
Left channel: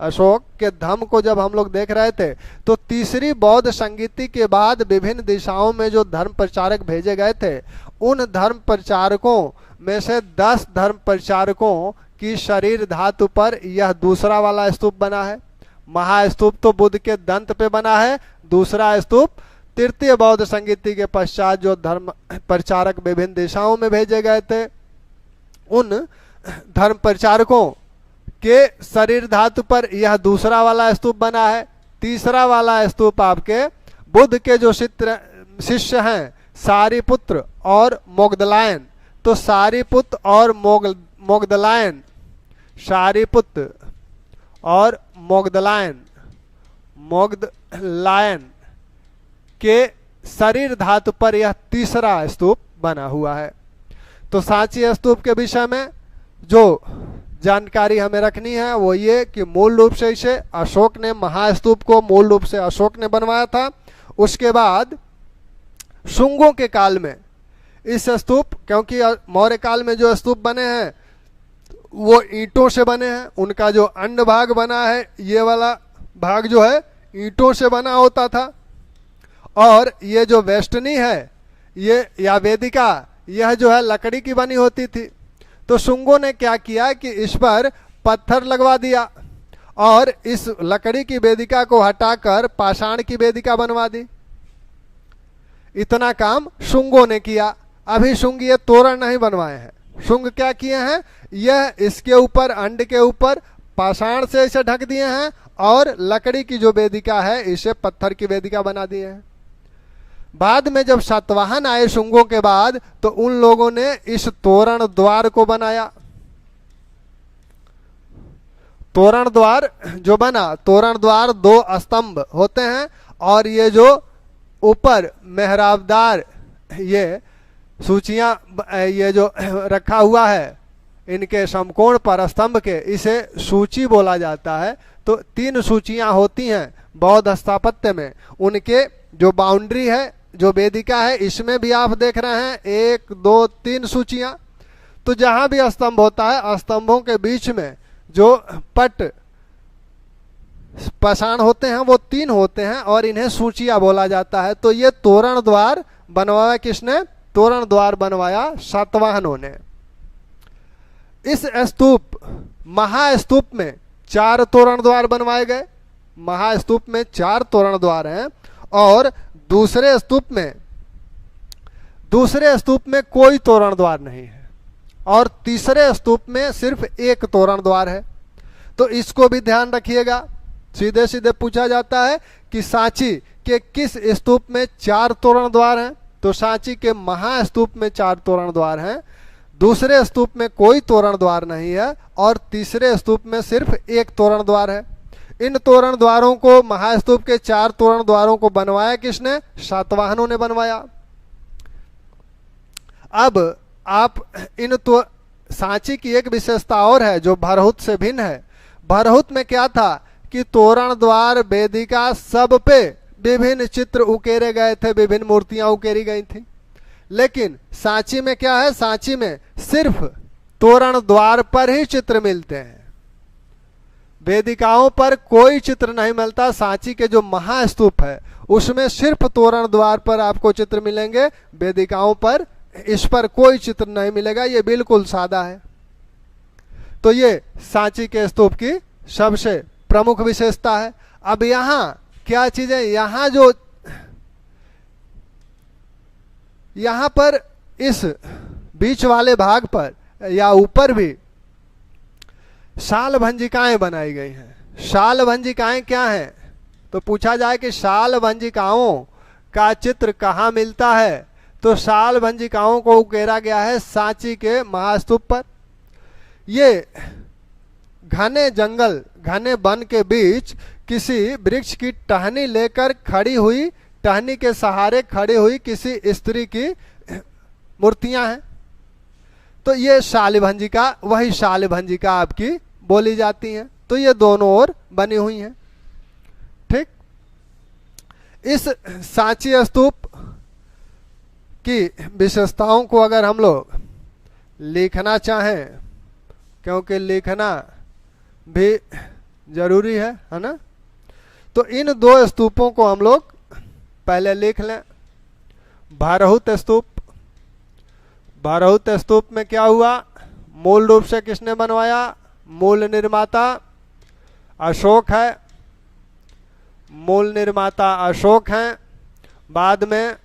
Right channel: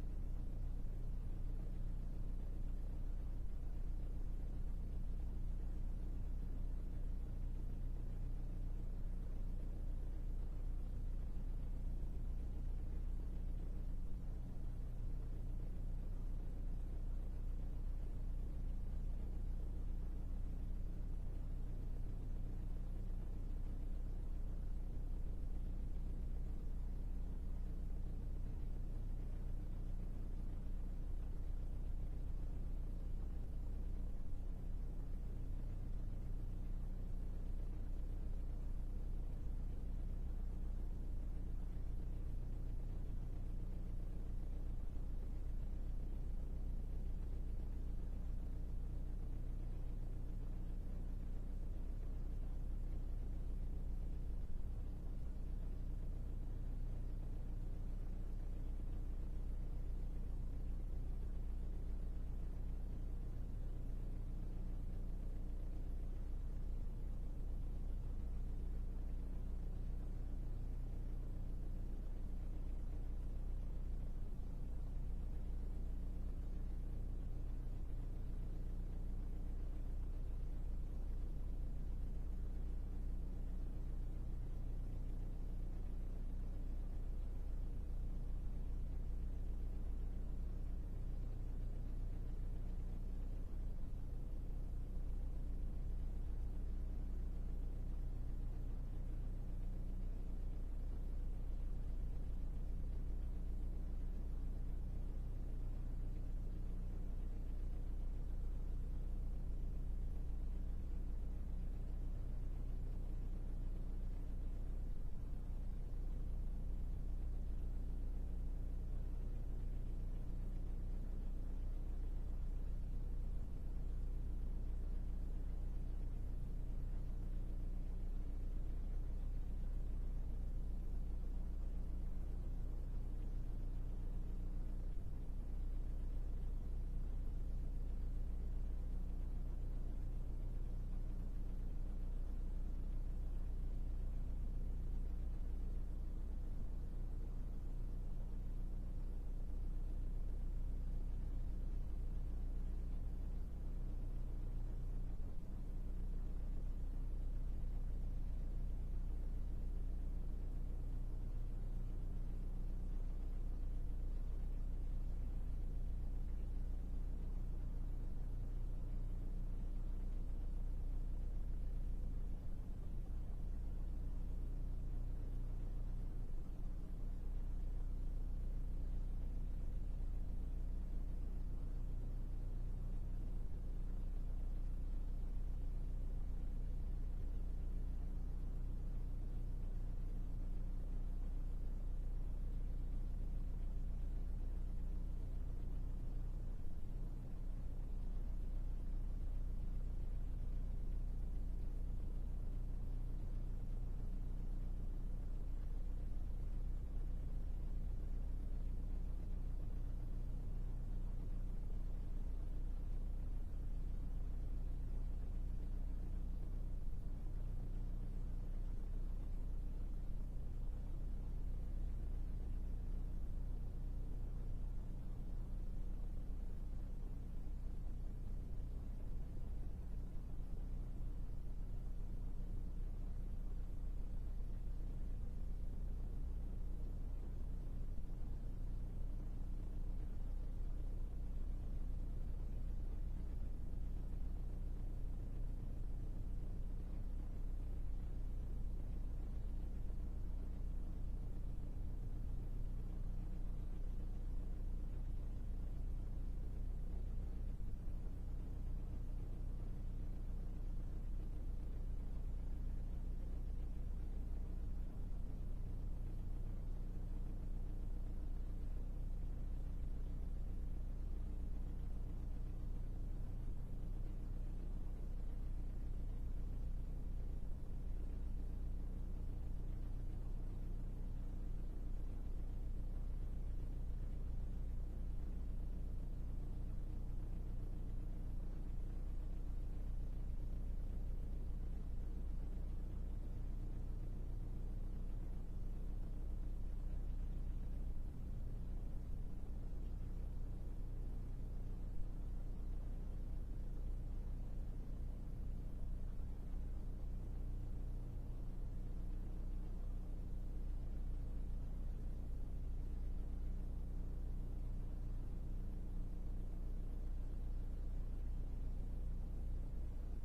अशोक के धर्म को जब हम लोग देख रहे थे तो तीसरी बौद्ध संगीति के बाद विभिन्न दिशाओं में जो धर्म प्रचारक भेजे गए थे, उन धर्म प्रचारकों में से 10 धर्म प्रचारकों की शरीर धातु पर यह दूसरा वाला स्तूप बना है। महास्तूप तो बुद्ध के दंत पे बना है। दूसरा स्तूप तृतीय बौद्ध संगीति के पश्चात जो धर्म प्रचारक विभिन्न दिशाओं में भेजे गए थे उन धर्म प्रचारकों के शरीर धातु पर यह दूसरा वाला स्तूप बना है। तीसरा वाला स्तूप आपके बुद्ध के जो शिष्य हैं सारिपुत्र और मोगदलायन, तो सारिपुत्र और मोगदलायन, सारिपुत्र और मोगदलायन के शरीर धातु पर यह तीसरा स्तूप बना हुआ है। तो सांची स्तूप के विषय में जो जानकारी हमें रखनी है वो ये कि मूल रूप से इसे अशोक ने, महास्तूप को मूल रूप से अशोक ने बनवाया था। उसके बाद शुंगों के काल में इस स्तूप, क्योंकि मौर्य काल में जो स्तूप बने हैं वो ईंटों से बने हैं, उनका जो अंड भाग बना है ये वाला भाग जो है ईंटों से बना होता था, और ये जो वेस्टनी है ये या वेदिका यह जो है लकड़ी की बनी होती थी। तो शुंगों ने क्या किया कि इस पर पत्थर लगवा दिया और इस लकड़ी की वेदिका को हटाकर पाषाण की वेदिका बनवा दी। इतना काम शुंगों ने किया। अभी शुंग ये तोरण नहीं बनवाए हैं, शुंग क्या किए हैं, यह इसके ऊपर अंड के ऊपर पाषाण से इसे ढक दिए हैं और लकड़ी की जो वेदिका है इसे पत्थर की वेदिका बना दिए हैं। बाद में जब सातवाहन आए शुंगों के बाद तो उन लोगों ने इस तोरण द्वार को बनाया। तोरण द्वार जो बना, तोरण द्वार 2 स्तंभ होते हैं और ये जो ऊपर मेहराबदार ये सूचियां ये जो रखा हुआ है इनके समकोण पर स्तंभ के, इसे सूची बोला जाता है। तो 3 सूचियां होती हैं बौद्ध स्थापत्य में। उनके जो बाउंड्री है, जो वेदिका है, इसमें भी आप देख रहे हैं 1 2 3 सूचियां। तो जहां भी स्तंभ होता है स्तंभों के बीच में जो पट पाषाण होते हैं वो 3 होते हैं और इन्हें सूचियां बोला जाता है। तो ये तोरण द्वार बनवाया किसने, तोरण द्वार बनवाया सातवाहनों ने। इस स्तूप महास्तूप में 4 तोरण द्वार बनवाए गए। महास्तूप में 4 तोरण द्वार हैं और दूसरे स्तूप में कोई तोरण द्वार नहीं है और तीसरे स्तूप में सिर्फ 1 तोरण द्वार है। तो इसको भी ध्यान रखिएगा। सीधे सीधे पूछा जाता है कि सांची के किस स्तूप में 4 तोरण द्वार हैं, तो सांची के महास्तूप में 4 तोरण द्वार हैं, दूसरे स्तूप में कोई तोरण द्वार नहीं है और तीसरे स्तूप में सिर्फ 1 तोरण द्वार है। इन तोरण द्वारों को, महास्तूप के 4 तोरण द्वारों को बनवाया किसने, सातवाहनों ने बनवाया। अब आप इन तो सांची की एक विशेषता और है जो भरहुत से भिन्न है। भरहुत में क्या था कि तोरण द्वार वेदिका सब पे विभिन्न चित्र उकेरे गए थे, विभिन्न मूर्तियां उकेरी गई थी। लेकिन सांची में क्या है, सांची में सिर्फ तोरण द्वार पर ही चित्र मिलते हैं, वेदिकाओं पर कोई चित्र नहीं मिलता। सांची के जो महास्तूप है उसमें सिर्फ तोरण द्वार पर आपको चित्र मिलेंगे, वेदिकाओं पर इस पर कोई चित्र नहीं मिलेगा। ये बिल्कुल सादा है। तो ये सांची के स्तूप की सबसे प्रमुख विशेषता है। अब यहाँ क्या चीजें, यहाँ पर इस बीच वाले भाग पर या ऊपर भी शाल भंजिकाएं बनाई गई हैं। शाल भंजिकाएं क्या हैं, तो पूछा जाए कि शाल भंजिकाओं का चित्र कहाँ मिलता है, तो शाल भंजिकाओं को उकेरा गया है सांची के महास्तूप पर। ये घने जंगल, घने वन के बीच किसी वृक्ष की टहनी लेकर खड़ी हुई, टहनी के सहारे खड़ी हुई किसी स्त्री की मूर्तियां हैं। तो ये शाल भंजिका, वही शाल भंजिका आपकी बोली जाती हैं। तो ये दोनों ओर बनी हुई हैं। ठीक, इस सांची स्तूप की विशेषताओं को अगर हम लोग लिखना चाहें, क्योंकि लिखना भी जरूरी है ना, तो इन 2 स्तूपों को हम लोग पहले लिख लें। भरहुत स्तूप, भरहुत स्तूप में क्या हुआ, मूल रूप से किसने बनवाया, मूल निर्माता अशोक है, मूल निर्माता अशोक हैं। बाद में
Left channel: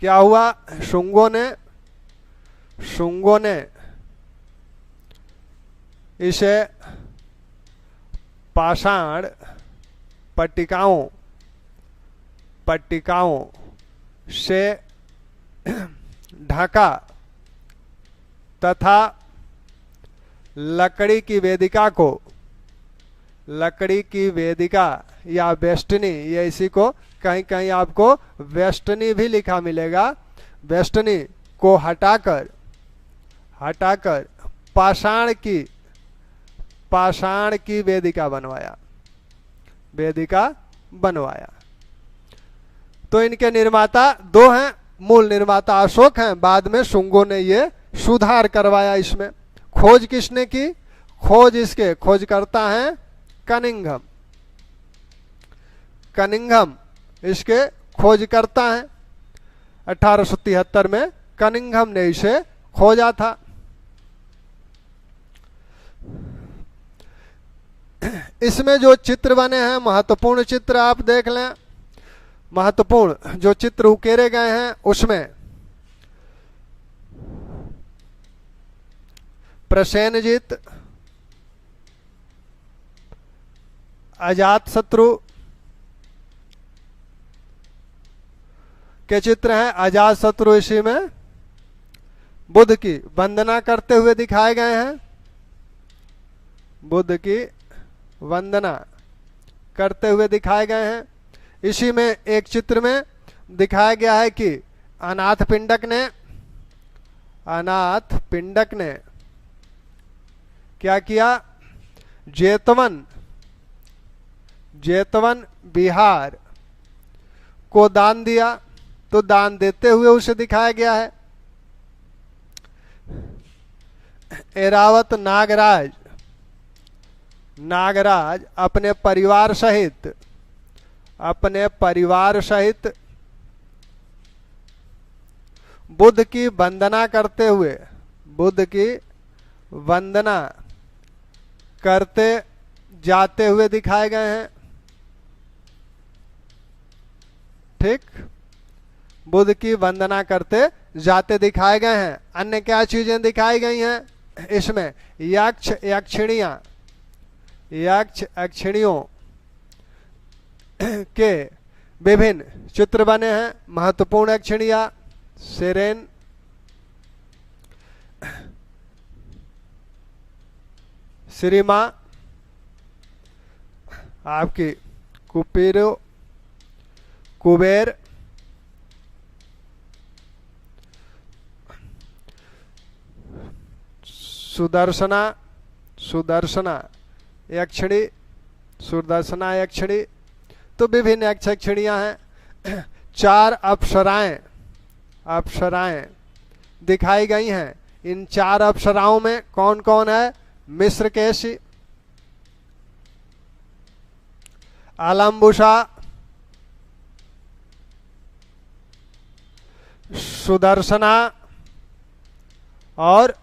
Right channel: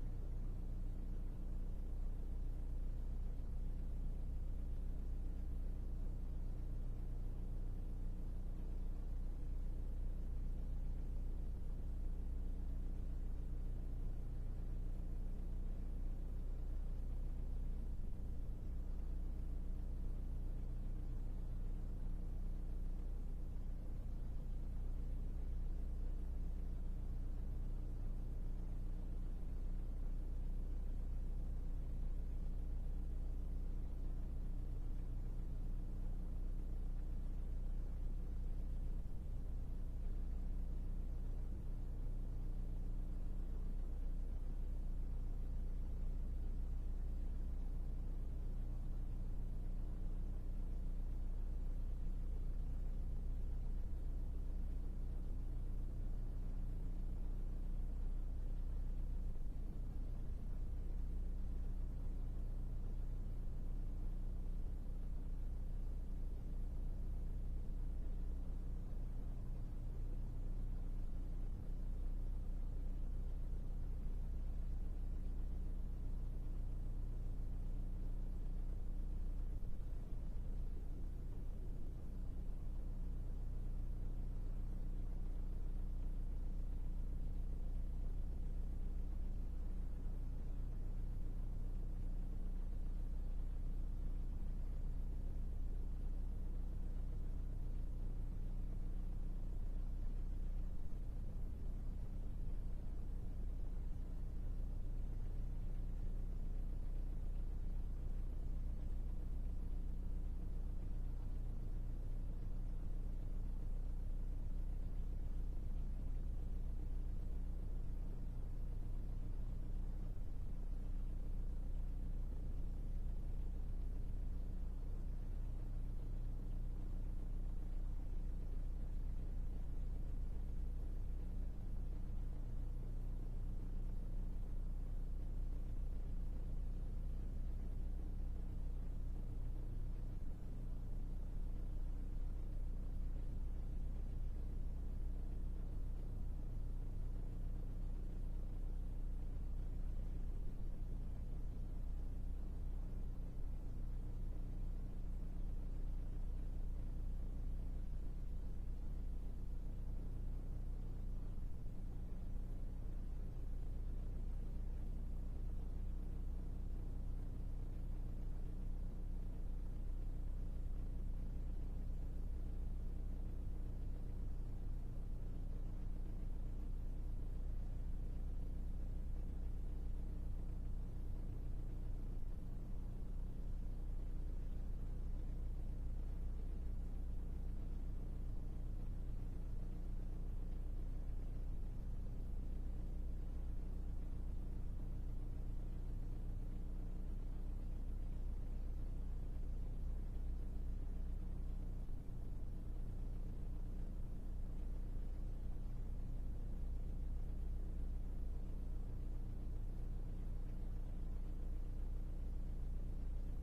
क्या हुआ, शुंगों ने शुंगों ने इसे पाषाण पट्टिकाओं से ढका तथा लकड़ी की वेदिका या वेष्टनी, ये इसी को कहीं कहीं आपको वेष्टनी भी लिखा मिलेगा, वेष्टनी को हटाकर पाषाण की वेदिका बनवाया। तो इनके निर्माता दो हैं, मूल निर्माता अशोक हैं, बाद में शुंगों ने ये सुधार करवाया इसमें। खोज किसने की? खोज करता है कनिंघम इसके खोज करता है। 1873 में कनिंघम ने इसे खोजा था। इसमें जो चित्र बने हैं, महत्वपूर्ण चित्र आप देख लें। महत्वपूर्ण जो चित्र उकेरे गए हैं उसमें प्रसेनजीत, अजातशत्रु के चित्र हैं। अजातशत्रु इसी में बुद्ध की वंदना करते हुए दिखाए गए हैं, बुद्ध की वंदना करते हुए दिखाए गए हैं। इसी में एक चित्र में दिखाया गया है कि अनाथ पिंडक ने क्या किया? जेतवन बिहार को दान दिया। तो दान देते हुए उसे दिखाया गया है। एरावत नागराज अपने परिवार सहित बुद्ध की वंदना करते जाते हुए दिखाए गए हैं। ठीक, बुद्ध की वंदना करते जाते दिखाए गए हैं। अन्य क्या चीजें दिखाई गई हैं इसमें? यक्षिणियों के विभिन्न चित्र बने हैं। महत्वपूर्ण यक्षिणियां सेरेन, श्रीमा, आपकी कुबेर, सुदर्शना यक्षिणी। तो विभिन्न यक्षिणियां हैं। 4 अप्सराएं दिखाई गई हैं। इन 4 अप्सराओं में कौन कौन है? मिश्रकेशी, आलम्बुषा, सुदर्शना और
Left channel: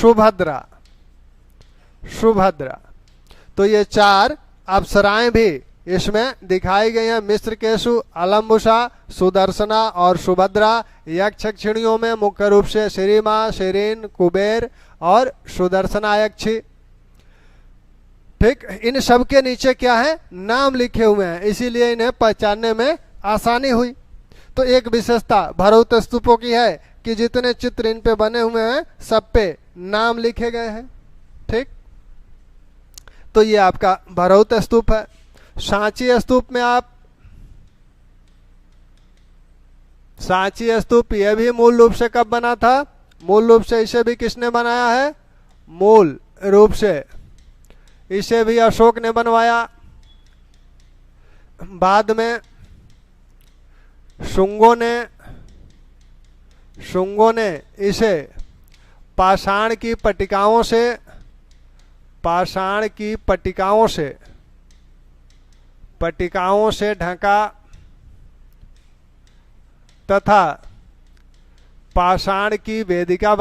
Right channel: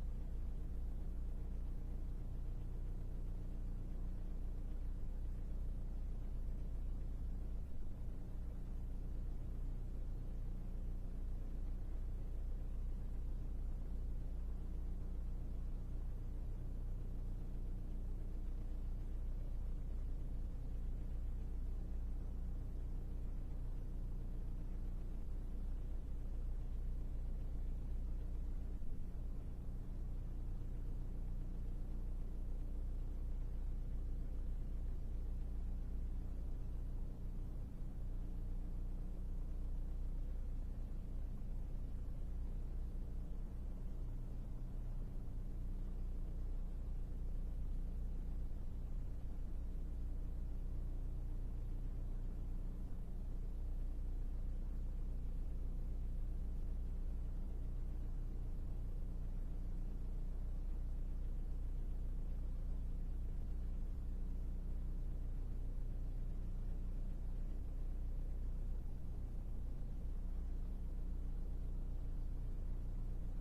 सुभद्रा। तो ये 4 अप्सराएं भी इसमें दिखाई गई हैं। मिश्रकेशु, आलम्बुषा, सुदर्शना और सुभद्रा। यक्षिणियों में मुख्य रूप से श्रीमा, शेरीन, कुबेर और सुदर्शना यक्षी। ठीक, इन सब के नीचे क्या है? नाम लिखे हुए हैं, इसीलिए इन्हें पहचानने में आसानी हुई। तो एक विशेषता भरौत स्तूपों की है कि जितने चित्र इन पे बने हुए हैं सब पे नाम लिखे गए हैं। ठीक, तो ये आपका भरौत स्तूप है। सांची स्तूप यह भी मूल रूप से कब बना था? मूल रूप से इसे भी किसने बनाया है? मूल रूप से इसे भी अशोक ने बनवाया। बाद में शुंगों ने इसे पाषाण की पट्टिकाओं से ढका तथा पाषाण की वेदिका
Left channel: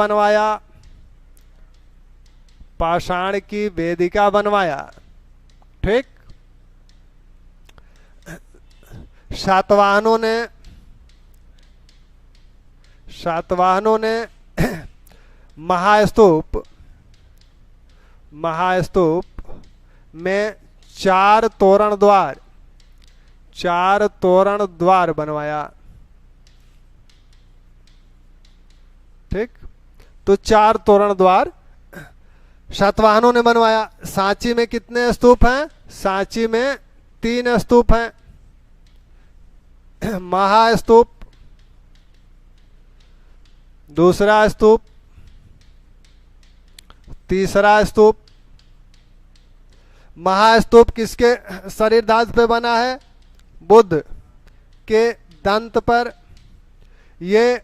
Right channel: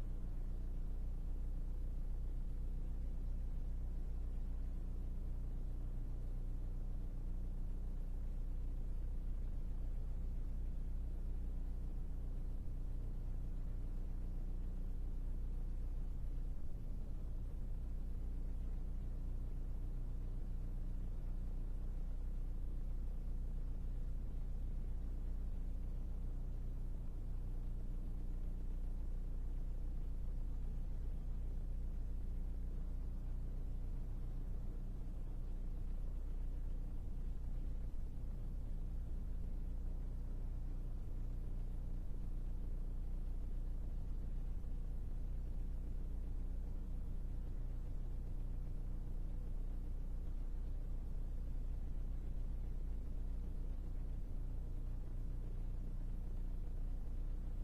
बनवाया। ठीक, सातवाहनों ने महास्तूप, महास्तूप में 4 तोरण द्वार, 4 तोरण द्वार बनवाया। ठीक, तो 4 तोरण द्वार सातवाहनों ने बनवाया। सांची में कितने स्तूप हैं? सांची में 3 स्तूप हैं। महास्तूप, दूसरा स्तूप, तीसरा स्तूप। महास्तूप किसके शरीर धातु पे बना है? बुद्ध के दंत पर। ये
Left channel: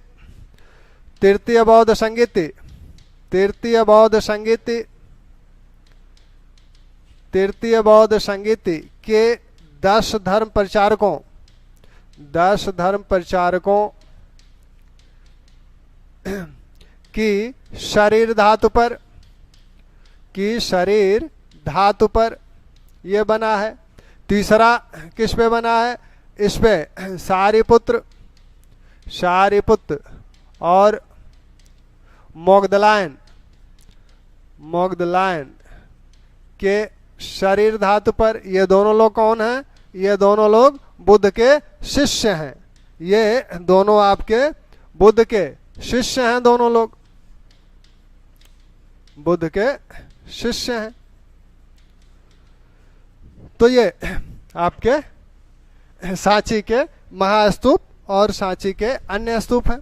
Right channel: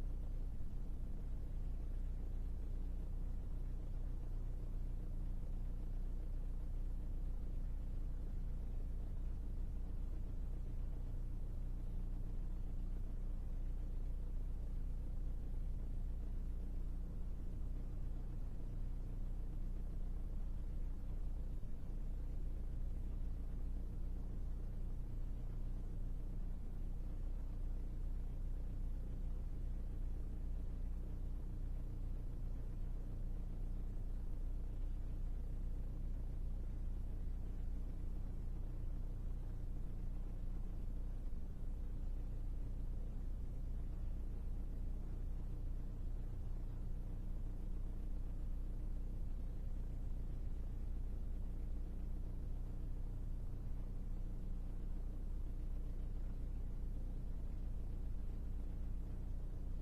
तृतीय बौद्ध संगीति, तृतीय बौद्ध संगीति, तृतीय बौद्ध संगीति के 10 धर्म प्रचारकों, 10 धर्म प्रचारकों की शरीर धातु पर, की शरीर धातु पर ये बना है। तीसरा किस पे बना है? इस पे सारिपुत्र, सारिपुत्र और मोगदलायन, मोगदलायन के शरीर धातु पर। ये दोनों लोग कौन हैं? ये दोनों लोग बुद्ध के शिष्य हैं। ये दोनों आपके बुद्ध के शिष्य हैं, दोनों लोग बुद्ध के शिष्य हैं। तो ये आपके सांची के महास्तूप और सांची के अन्य स्तूप हैं।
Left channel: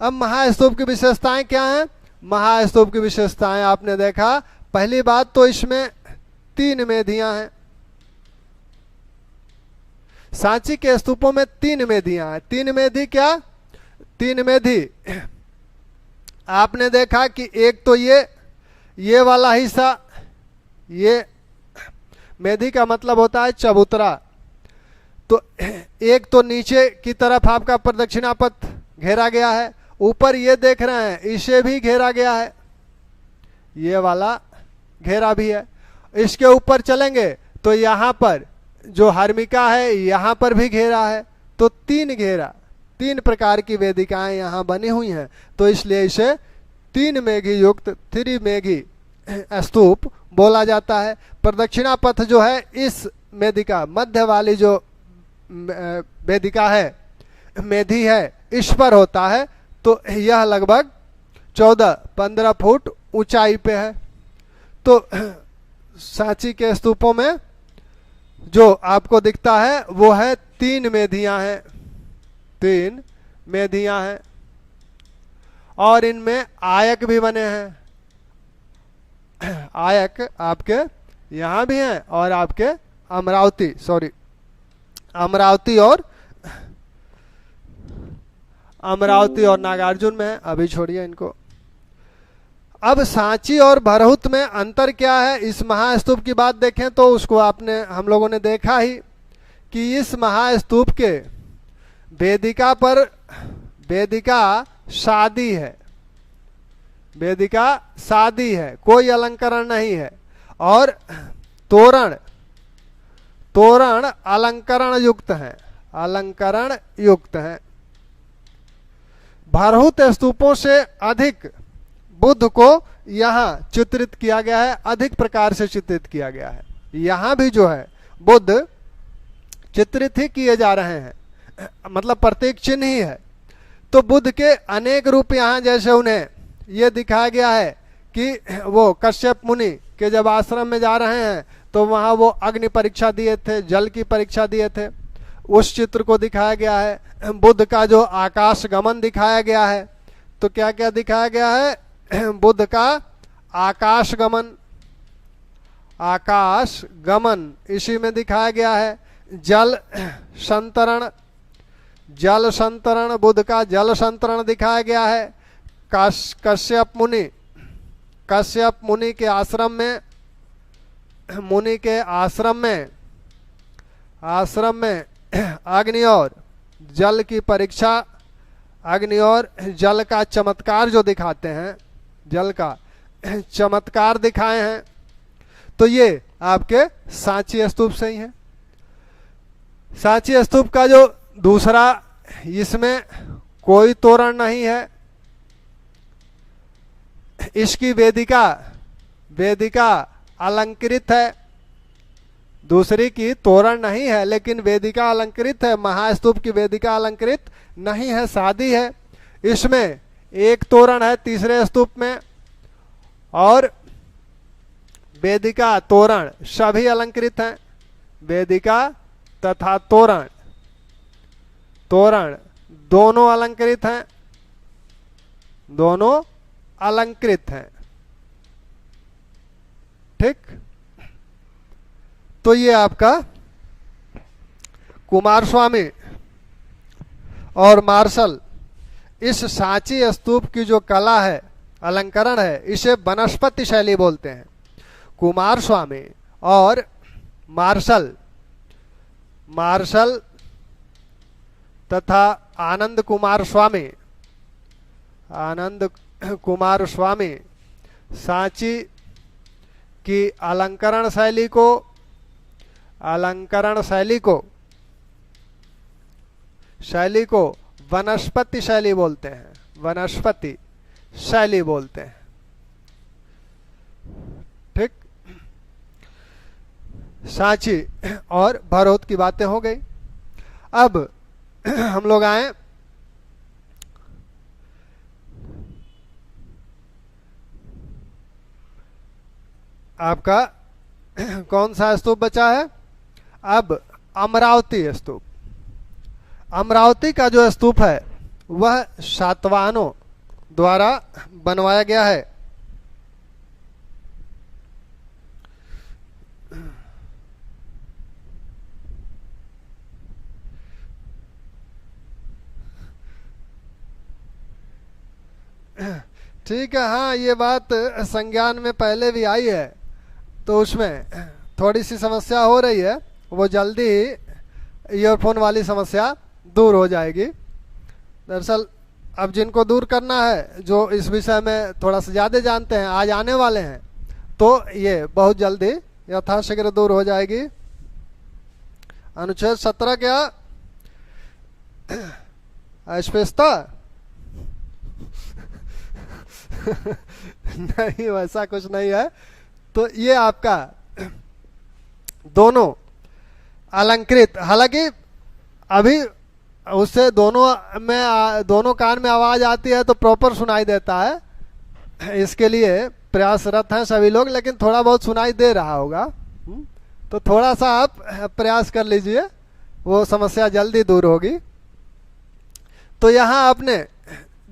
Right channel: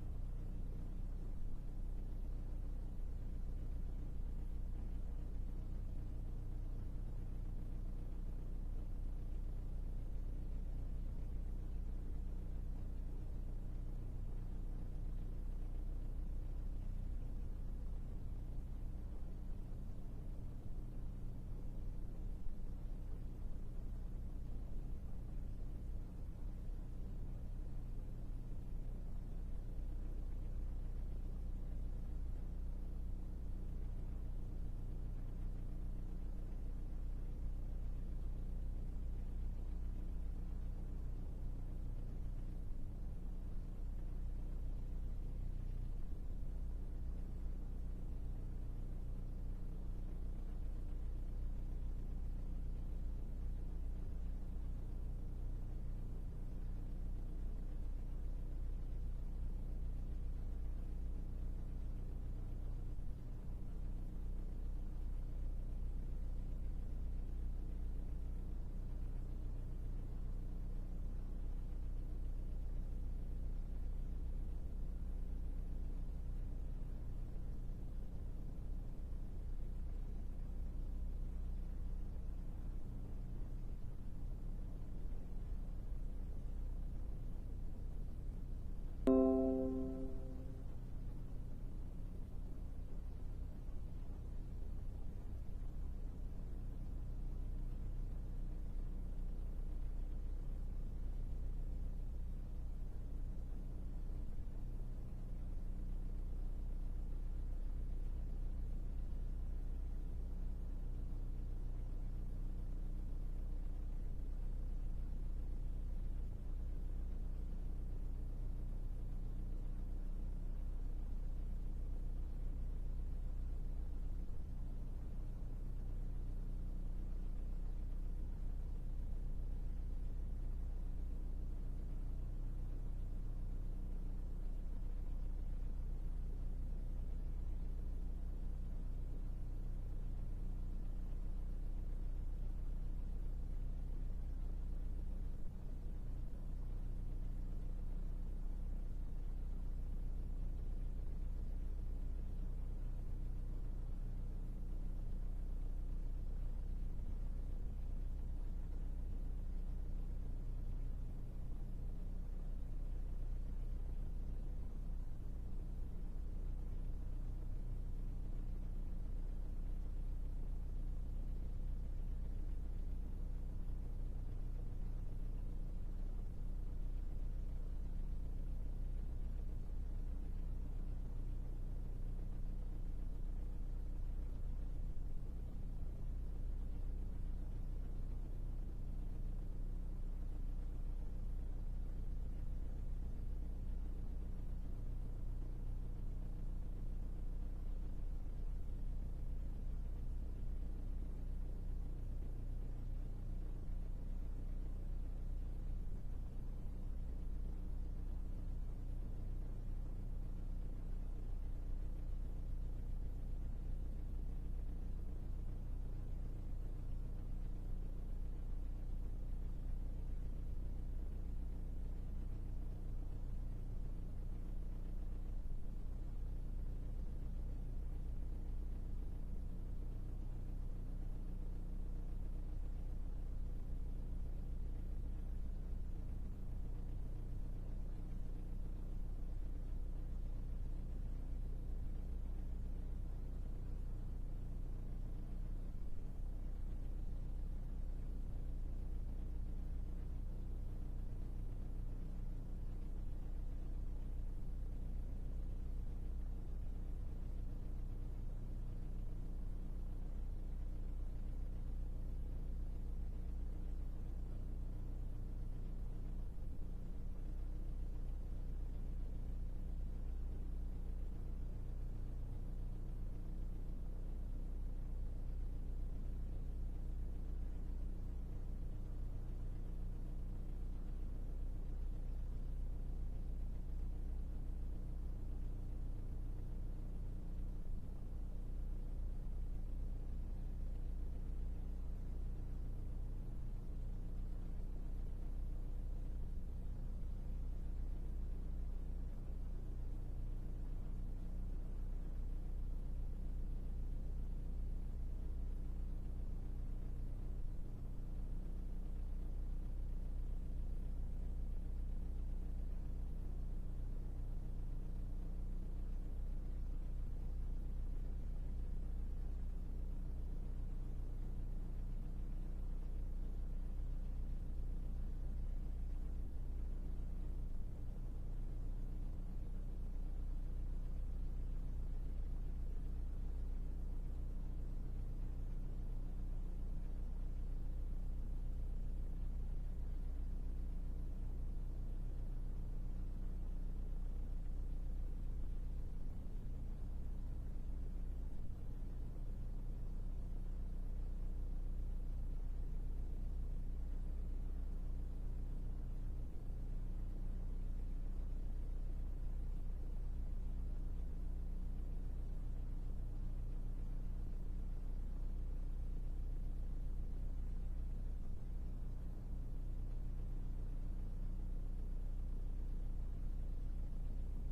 अब महास्तूप की विशेषताएं क्या हैं? महास्तूप की विशेषताएं आपने देखा, पहली बात तो इसमें 3 मेधियां हैं। सांची के स्तूपों में 3 मेधियां हैं। 3 मेधि क्या? 3 मेधि आपने देखा कि एक तो ये वाला हिस्सा, ये मेधि का मतलब होता है चबूतरा। तो एक तो नीचे की तरफ आपका प्रदक्षिणापथ घेरा गया है, ऊपर ये देख रहे हैं इसे भी घेरा गया है, ये वाला घेरा भी है। इसके ऊपर चलेंगे तो यहाँ पर जो हर्मिका है यहाँ पर भी घेरा है। तो 3 घेरा, 3 प्रकार की वेदिकाएं यहाँ बनी हुई हैं। तो इसलिए इसे 3 मेघी युक्त, 3 मेघी स्तूप बोला जाता है। प्रदक्षिणा पथ जो है इस वेदिका मध्य वाली जो वेदिका है, मेधी है, इस पर होता है। तो यह लगभग 14-15 फुट ऊंचाई पे है। तो सांची के स्तूपों में जो आपको दिखता है वो है 3 मेधियां हैं, 3 मेधियां हैं। और इनमें आयक भी बने हैं। आयक आपके यहाँ भी हैं और आपके अमरावती, सॉरी अमरावती और नागार्जुन में है। अभी छोड़िए इनको। अब सांची और भरहुत में अंतर क्या है? इस महास्तूप की बात देखें तो उसको हम लोगों ने देखा ही कि इस महास्तूप के वेदिका पर, वेदिका शादी है, वेदिका शादी है, कोई अलंकरण नहीं है। और तोरण, तोरण अलंकरण युक्त है, अलंकरण युक्त है। भरहुत स्तूपों से अधिक बुद्ध को यहाँ चित्रित किया गया है, अधिक प्रकार से चित्रित किया गया है। यहाँ भी जो है बुद्ध चित्रित ही किए जा रहे हैं, मतलब प्रतीक चिन्ह ही है। तो बुद्ध के अनेक रूप यहाँ, जैसे उन्हें ये दिखाया गया है कि वो कश्यप मुनि के जब आश्रम में जा रहे हैं तो वहाँ वो अग्नि परीक्षा दिए थे, जल की परीक्षा दिए थे, उस चित्र को दिखाया गया है। बुद्ध का जो आकाश गमन दिखाया गया है, तो क्या क्या दिखाया गया है? बुद्ध का आकाश गमन, आकाश गमन इसी में दिखाया गया है। जल संतरण, जल संतरण, बुद्ध का जल संतरण दिखाया गया है। कश्यप मुनि, कश्यप मुनि के आश्रम में, मुनि के आश्रम में अग्नि और जल की परीक्षा, अग्नि और जल का चमत्कार जो दिखाते हैं, जल का चमत्कार दिखाए हैं। तो ये आपके सांची स्तूप से ही है। सांची स्तूप का जो दूसरा, इसमें कोई तोरण नहीं है, इसकी वेदिका वेदिका अलंकृत है, दूसरी की तोरण नहीं है लेकिन वेदिका अलंकृत है। महास्तूप की वेदिका अलंकृत नहीं है, सादी है। इसमें एक तोरण है तीसरे स्तूप में, और वेदिका तोरण सभी अलंकृत हैं। वेदिका तथा तोरण, तोरण दोनों अलंकृत हैं, दोनों अलंकृत हैं। ठीक, तो ये आपका कुमार स्वामी और मार्शल इस सांची स्तूप की जो कला है, अलंकरण है, इसे वनस्पति शैली बोलते हैं। कुमार स्वामी और मार्शल, मार्शल तथा आनंद कुमार स्वामी, आनंद कुमार स्वामी सांची की अलंकरण शैली को, अलंकरण शैली को वनस्पति शैली बोलते हैं, वनस्पति शैली बोलते हैं। ठीक, सांची और भरौत की बातें हो गई। अब हम लोग आए आपका कौन सा स्तूप बचा है? अब अमरावती स्तूप। अमरावती का जो स्तूप है वह सातवाहनों द्वारा बनवाया गया है। ठीक है, हाँ ये बात संज्ञान में पहले भी आई है, तो उसमें थोड़ी सी समस्या हो रही है, वो जल्दी ही ईयरफोन वाली समस्या दूर हो जाएगी। दरअसल अब जिनको दूर करना है, जो इस विषय में थोड़ा सा ज़्यादा जानते हैं, आज आने वाले हैं, तो ये बहुत जल्दी यथाशीघ्र दूर हो जाएगी। अनुच्छेद 17 क्या अस्पष्टता नहीं, वैसा कुछ नहीं है। तो ये आपका दोनों अलंकृत, हालांकि अभी उससे दोनों में, दोनों कान में आवाज आती है तो प्रॉपर सुनाई देता है, इसके लिए प्रयासरत हैं सभी लोग, लेकिन थोड़ा बहुत सुनाई दे रहा होगा, तो थोड़ा सा आप प्रयास कर लीजिए, वो समस्या जल्दी दूर होगी। तो यहाँ आपने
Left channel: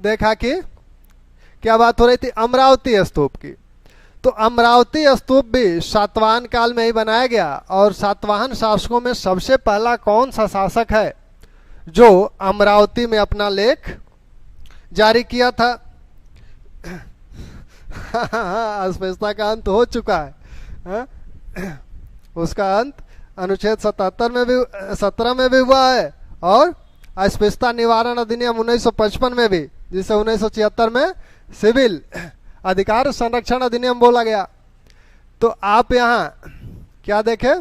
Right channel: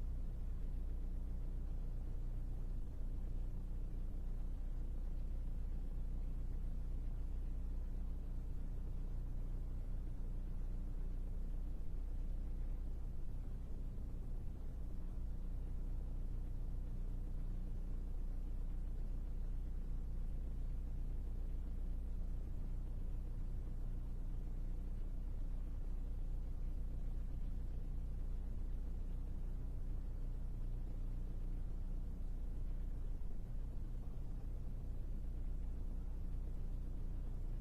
देखा कि क्या बात हो रही थी? अमरावती स्तूप की। तो अमरावती स्तूप भी सातवाहन काल में ही बनाया गया, और सातवाहन शासकों में सबसे पहला कौन सा शासक है जो अमरावती में अपना लेख जारी किया था? अस्पष्टता का अंत हो चुका है, उसका अंत अनुच्छेद 77 में भी, 17 में भी हुआ है, और अस्पष्टता निवारण अधिनियम 1955 में भी, जिसे 1976 में सिविल अधिकार संरक्षण अधिनियम बोला गया। तो आप यहाँ क्या देखें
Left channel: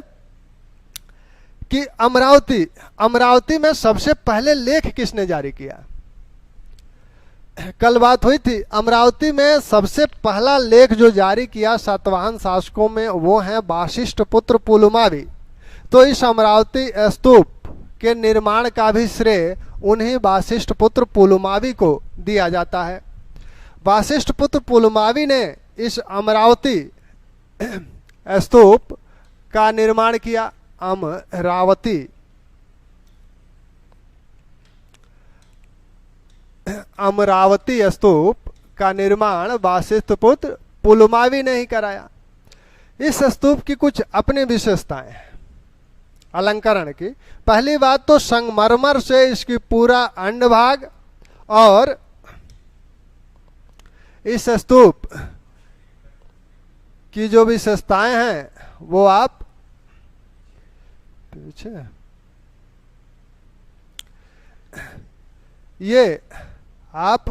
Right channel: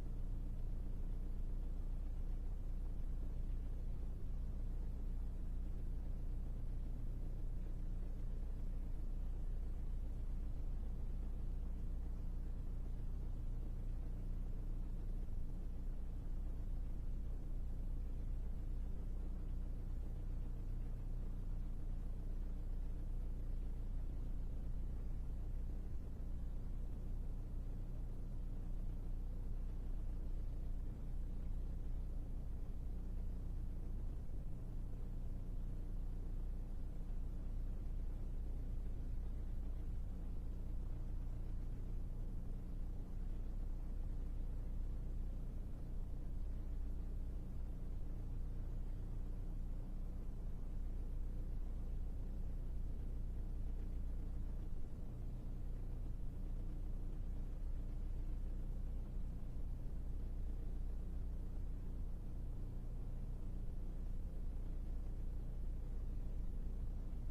कि अमरावती में सबसे पहले लेख किसने जारी किया? कल बात हुई थी, अमरावती में सबसे पहला लेख जो जारी किया सातवाहन शासकों में, वो है वासिष्ठ पुत्र पुलुमावी। तो इस अमरावती स्तूप के निर्माण का भी श्रेय उन्हीं वासिष्ठ पुत्र पुलुमावी को दिया जाता है। वासिष्ठ पुत्र पुलुमावी ने इस अमरावती स्तूप का निर्माण किया। अमरावती स्तूप का निर्माण वासिष्ठ पुत्र पुलुमावी ने ही कराया। इस स्तूप की कुछ अपनी विशेषताएं हैं अलंकरण की। पहली बात तो संगमरमर से इसकी पूरा अंडभाग और इस स्तूप की जो विशेषताएं हैं वो आप पीछे, ये आप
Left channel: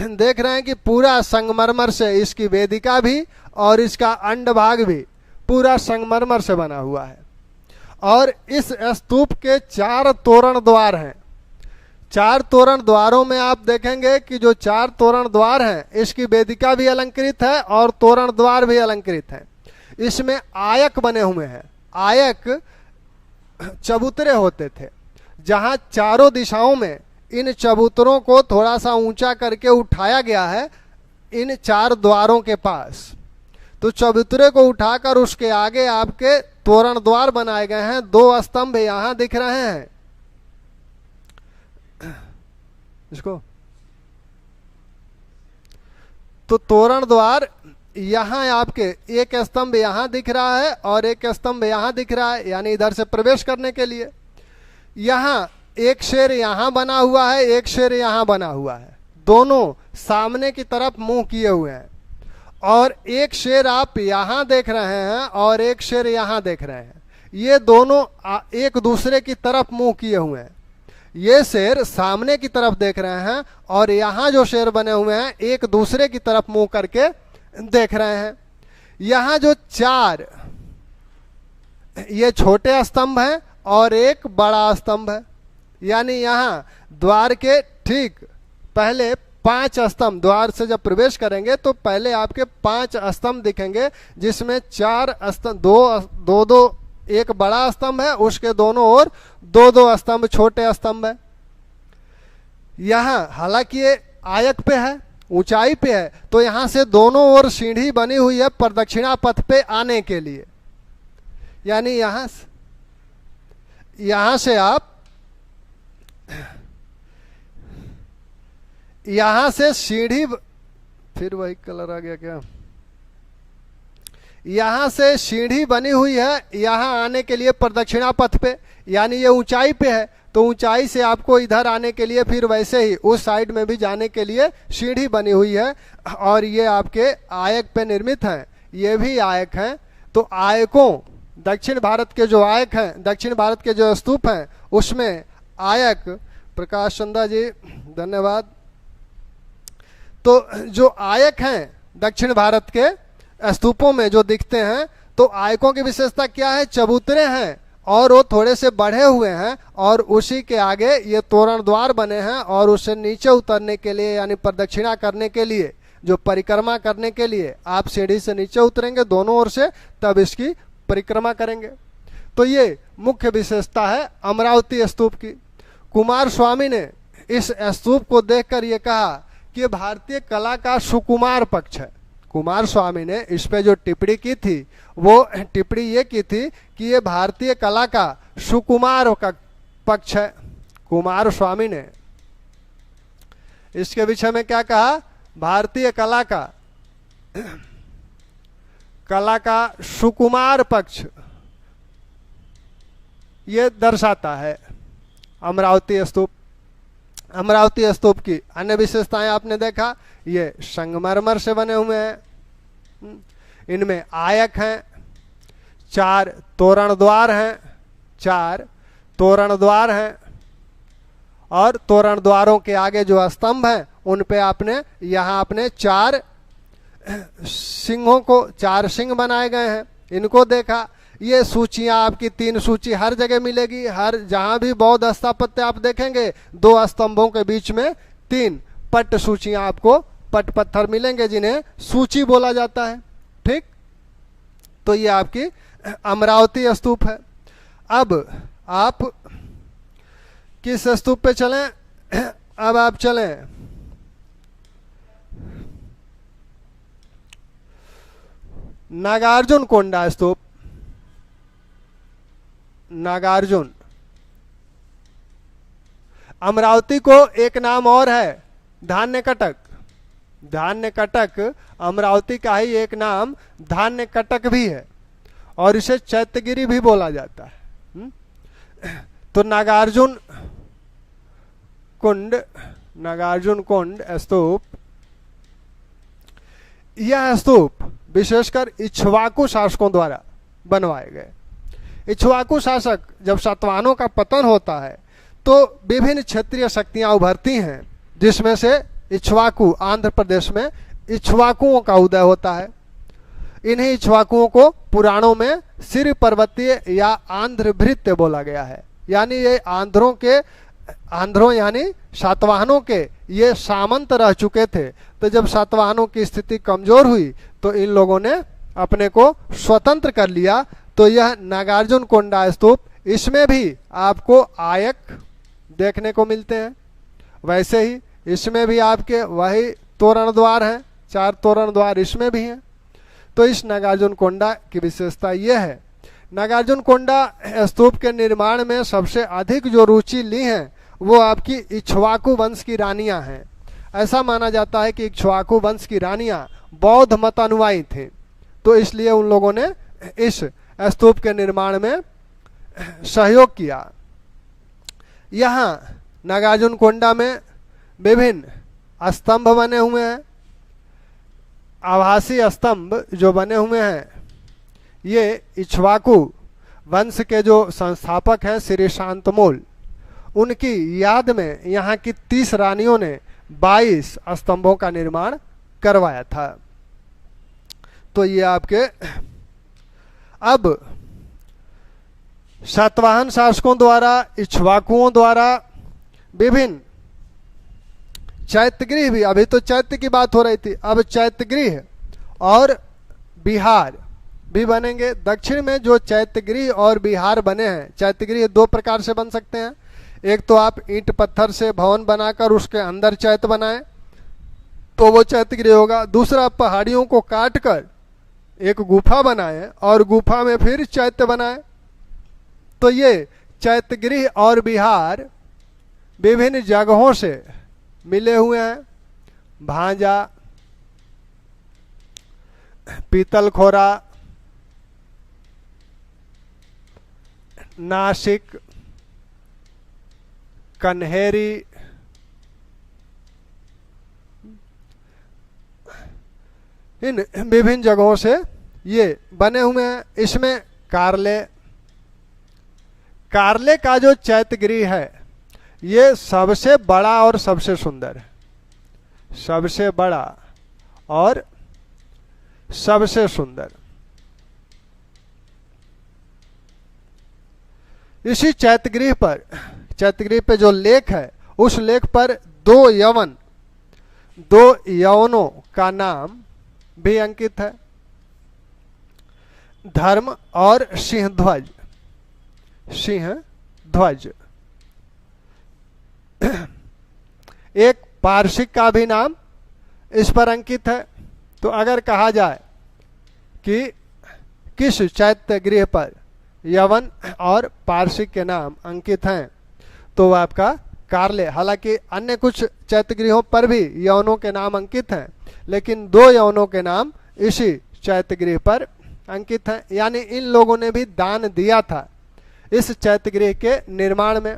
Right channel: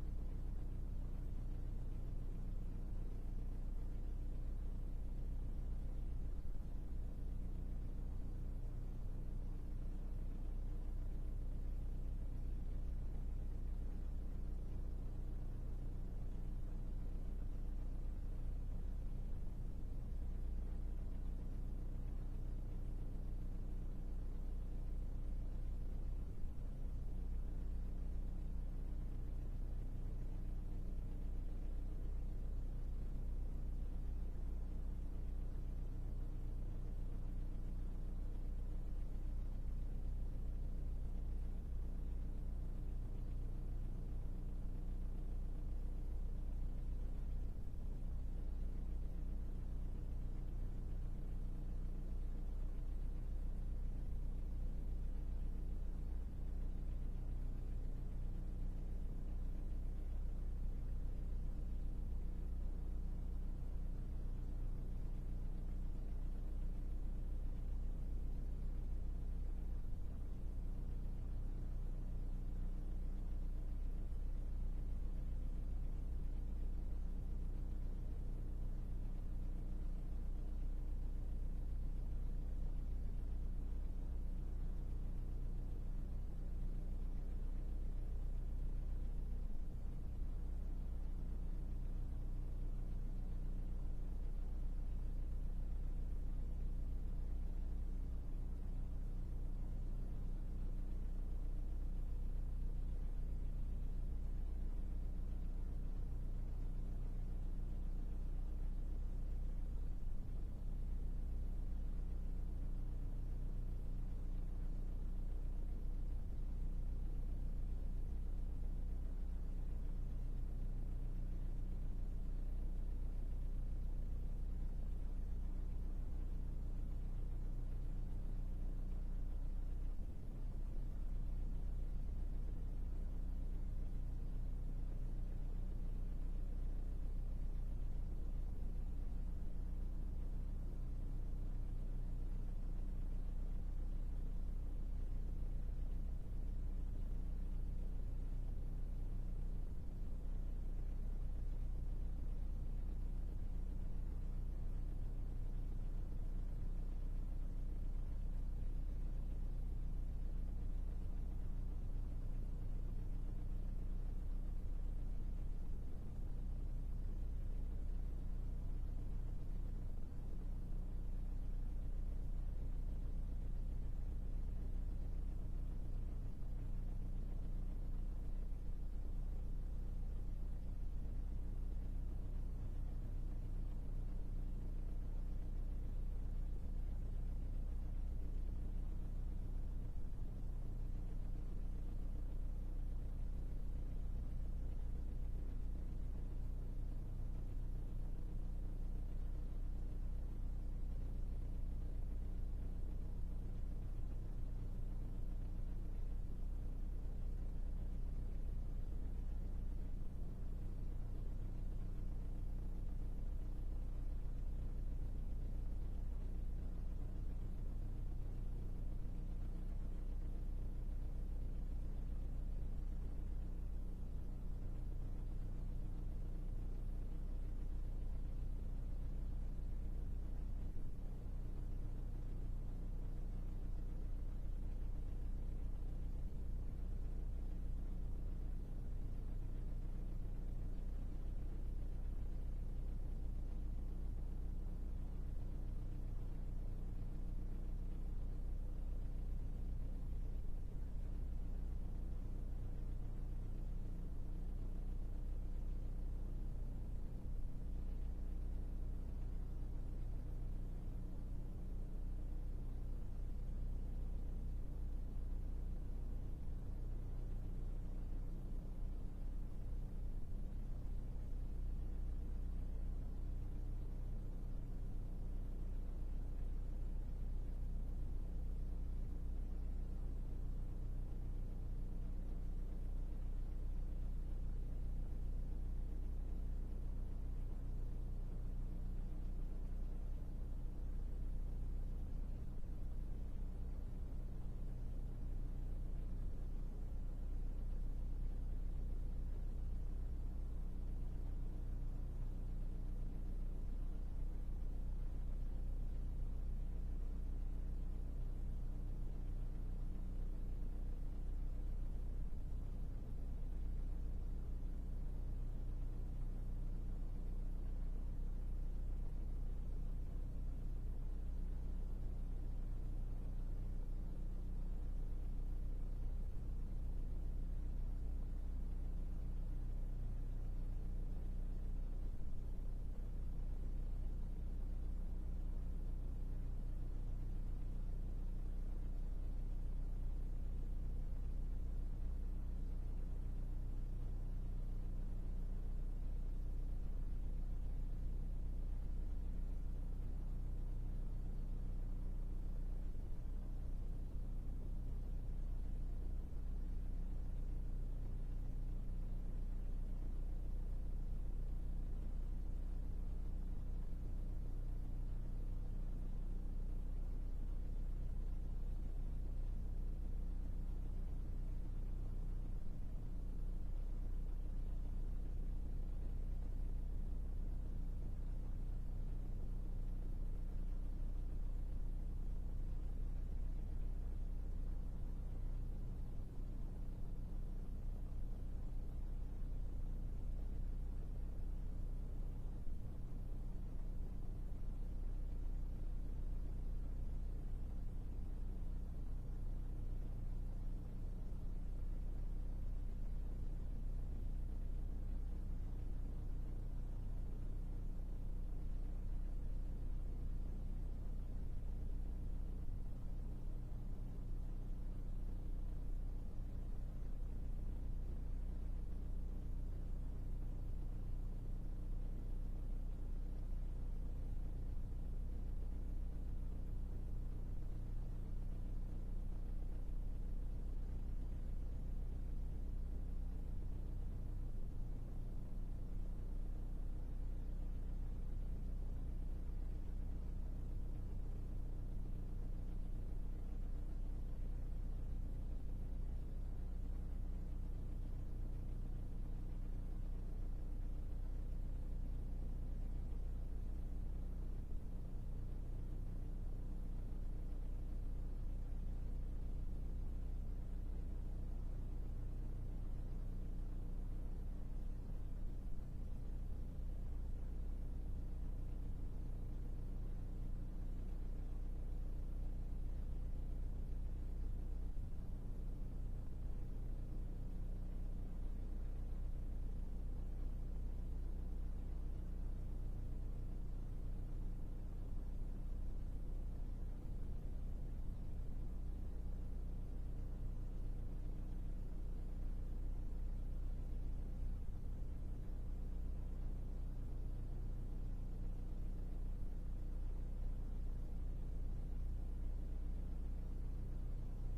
देख रहे हैं कि पूरा संगमरमर से इसकी वेदिका भी और इसका अंडभाग भी पूरा संगमरमर से बना हुआ है। और इस स्तूप के 4 तोरण द्वार हैं। चार तोरण द्वारों में आप देखेंगे कि जो चार तोरण द्वार हैं, इसकी वेदिका भी अलंकृत है और तोरण द्वार भी अलंकृत है। इसमें आयक बने हुए हैं। आयक चबूतरे होते थे, जहां चारों दिशाओं में इन चबूतरों को थोड़ा सा ऊंचा करके उठाया गया है इन चार द्वारों के पास। तो चबूतरे को उठाकर उसके आगे आपके तोरण द्वार बनाए गए हैं। दो स्तंभ यहां दिख रहे हैं, इसको तो तोरण द्वार यहां आपके एक स्तंभ यहां दिख रहा है और एक स्तंभ यहां दिख रहा है, यानी इधर से प्रवेश करने के लिए। यहां एक शेर यहां बना हुआ है, एक शेर यहां बना हुआ है, दोनों सामने की तरफ मुंह किए हुए हैं। और एक शेर आप यहां देख रहे हैं और एक शेर यहां देख रहे हैं। ये दोनों एक दूसरे की तरफ मुंह किए हुए हैं। ये शेर सामने की तरफ देख रहे हैं और यहां जो शेर बने हुए हैं एक दूसरे की तरफ मुंह करके देख रहे हैं। यहां जो चार ये छोटे स्तंभ हैं और एक बड़ा स्तंभ है, यानी यहां द्वार के ठीक पहले 5 स्तंभ, द्वार से जब प्रवेश करेंगे तो पहले आपके 5 स्तंभ दिखेंगे, जिसमें 4 स्तंभ, दो एक बड़ा स्तंभ है, उसके दोनों ओर 2 स्तंभ छोटे स्तंभ है। यहां हालांकि ये आयक पे है, ऊंचाई पे है, तो यहां से दोनों ओर सीढ़ी बनी हुई है प्रदक्षिणा पथ पे आने के लिए। यानी यहां से आप यहां से सीढ़ी, फिर वही कलर आ गया क्या, यहां से सीढ़ी बनी हुई है यहां आने के लिए प्रदक्षिणा पथ पे, यानी ये ऊंचाई पे है तो ऊंचाई से आपको इधर आने के लिए फिर वैसे ही उस साइड में भी जाने के लिए सीढ़ी बनी हुई है। और ये आपके आयक पे निर्मित हैं, ये भी आयक हैं। तो आयकों, दक्षिण भारत के जो आयक हैं, दक्षिण भारत के जो स्तूप हैं उसमें आयक, प्रकाश चंदा जी धन्यवाद। तो जो आयक हैं दक्षिण भारत के स्तूपों में जो दिखते हैं, तो आयकों की विशेषता क्या है, चबूतरे हैं और वो थोड़े से बढ़े हुए हैं और उसी के आगे ये तोरण द्वार बने हैं और उससे नीचे उतरने के लिए यानी प्रदक्षिणा करने के लिए, जो परिक्रमा करने के लिए आप सीढ़ी से नीचे उतरेंगे दोनों ओर से, तब इसकी परिक्रमा करेंगे। तो ये मुख्य विशेषता है अमरावती स्तूप की। कुमार स्वामी ने इस स्तूप को देखकर ये कहा कि भारतीय कला का सुकुमार पक्ष है। कुमार स्वामी ने इस पे जो टिप्पणी की थी वो टिप्पणी ये की थी कि ये भारतीय कला का सुकुमार का पक्ष है। कुमार स्वामी ने इसके विषय में क्या कहा, भारतीय कला का सुकुमार पक्ष ये दर्शाता है अमरावती स्तूप। अमरावती स्तूप की अन्य विशेषताएं आपने देखा, ये संगमरमर से बने हुए हैं, इनमें आयक हैं, 4 तोरण द्वार हैं, 4 तोरण द्वार हैं और तोरण द्वारों के आगे जो स्तंभ हैं उन पे आपने यहाँ आपने 4 सिंहों को, 4 सिंह बनाए गए हैं, इनको देखा। ये सूचियां आपकी 3 सूची हर जगह मिलेगी, हर जहां भी बौद्ध स्थापत्य आप देखेंगे 2 स्तंभों के बीच में 3 पट सूचियां आपको, पट पत्थर मिलेंगे जिन्हें सूची बोला जाता है। ठीक, तो ये आपकी अमरावती स्तूप है। अब आप किस स्तूप पे चलें, अब आप चलें नागार्जुन कोंडा स्तूप। नागार्जुन, अमरावती को एक नाम और है धान्य कटक। धान्य कटक अमरावती का ही एक नाम धान्य कटक भी है और इसे चैत्यगिरी भी बोला जाता है। तो नागार्जुन कुंड स्तूप, यह स्तूप विशेषकर इक्ष्वाकु शासकों द्वारा बनवाए गए। इक्ष्वाकु शासक, जब सातवाहनों का पतन होता है तो विभिन्न क्षेत्रीय शक्तियां उभरती हैं, जिसमें से इक्ष्वाकु, आंध्र प्रदेश में इक्ष्वाकुओं का उदय होता है। इन्हीं इक्ष्वाकुओं को पुराणों में सिर पर्वतीय या आंध्र भृत्य बोला गया है, यानी ये आंध्रों के आंध्रों यानी सातवाहनों के ये सामंत रह चुके थे। तो जब सातवाहनों की स्थिति कमजोर हुई तो इन लोगों ने अपने को स्वतंत्र कर लिया। तो यह नागार्जुन कोंडा स्तूप, इसमें भी आपको आयक देखने को मिलते हैं। वैसे ही इसमें भी आपके वही तोरण द्वार हैं, 4 तोरण द्वार इसमें भी हैं। तो इस नागार्जुन कोंडा की विशेषता यह है। नागार्जुन कोंडा स्तूप के निर्माण में सबसे अधिक जो रुचि ली है वो आपकी इक्ष्वाकु वंश की रानियां हैं। ऐसा माना जाता है कि इक्ष्वाकु वंश की रानियां बौद्ध मत अनुयायी थी, तो इसलिए उन लोगों ने इस स्तूप के निर्माण में सहयोग किया। यहाँ नागार्जुन कोंडा में विभिन्न स्तंभ बने हुए हैं। आभासी स्तंभ जो बने हुए हैं ये इक्ष्वाकु वंश के जो संस्थापक हैं श्री शांतमूल, उनकी याद में यहाँ की 30 रानियों ने 22 स्तंभों का निर्माण करवाया था। तो ये आपके अब सातवाहन शासकों द्वारा, इक्ष्वाकुओं द्वारा विभिन्न चैत्यगृह भी, अभी तो चैत्य की बात हो रही थी, अब चैत्यगृह और विहार भी बनेंगे। दक्षिण में जो चैत्यगृह और विहार बने हैं, चैत्यगृह 2 प्रकार से बन सकते हैं। एक तो आप ईंट पत्थर से भवन बनाकर उसके अंदर चैत्य बनाएं तो वो चैत्यगृह होगा। दूसरा, पहाड़ियों को काट कर एक गुफा बनाएं और गुफा में फिर चैत्य बनाएं। तो ये चैत्यगृह और विहार विभिन्न जगहों से मिले हुए हैं। भांजा, पीतलखोरा, नासिक, कन्हेरी, इन विभिन्न जगहों से ये बने हुए हैं। इसमें कारले का जो चैत्यगृह है ये सबसे बड़ा और सबसे सुंदर है, सबसे बड़ा और सबसे सुंदर। इसी चैत्यगृह पे जो लेख है, उस लेख पर 2 यवनों का नाम भी अंकित है, धर्म और सिंहध्वज। एक पार्शिक का भी नाम इस पर अंकित है। तो अगर कहा जाए कि किस चैत्यगृह पर यवन और पार्शिक के नाम अंकित हैं तो वह आपका कारले। हालांकि अन्य कुछ चैत्यगृहों पर भी यवनों के नाम अंकित हैं, लेकिन 2 यवनों के नाम इसी चैत्यगृह पर अंकित हैं। यानी इन लोगों ने भी दान दिया था इस चैत्यगृह के निर्माण में।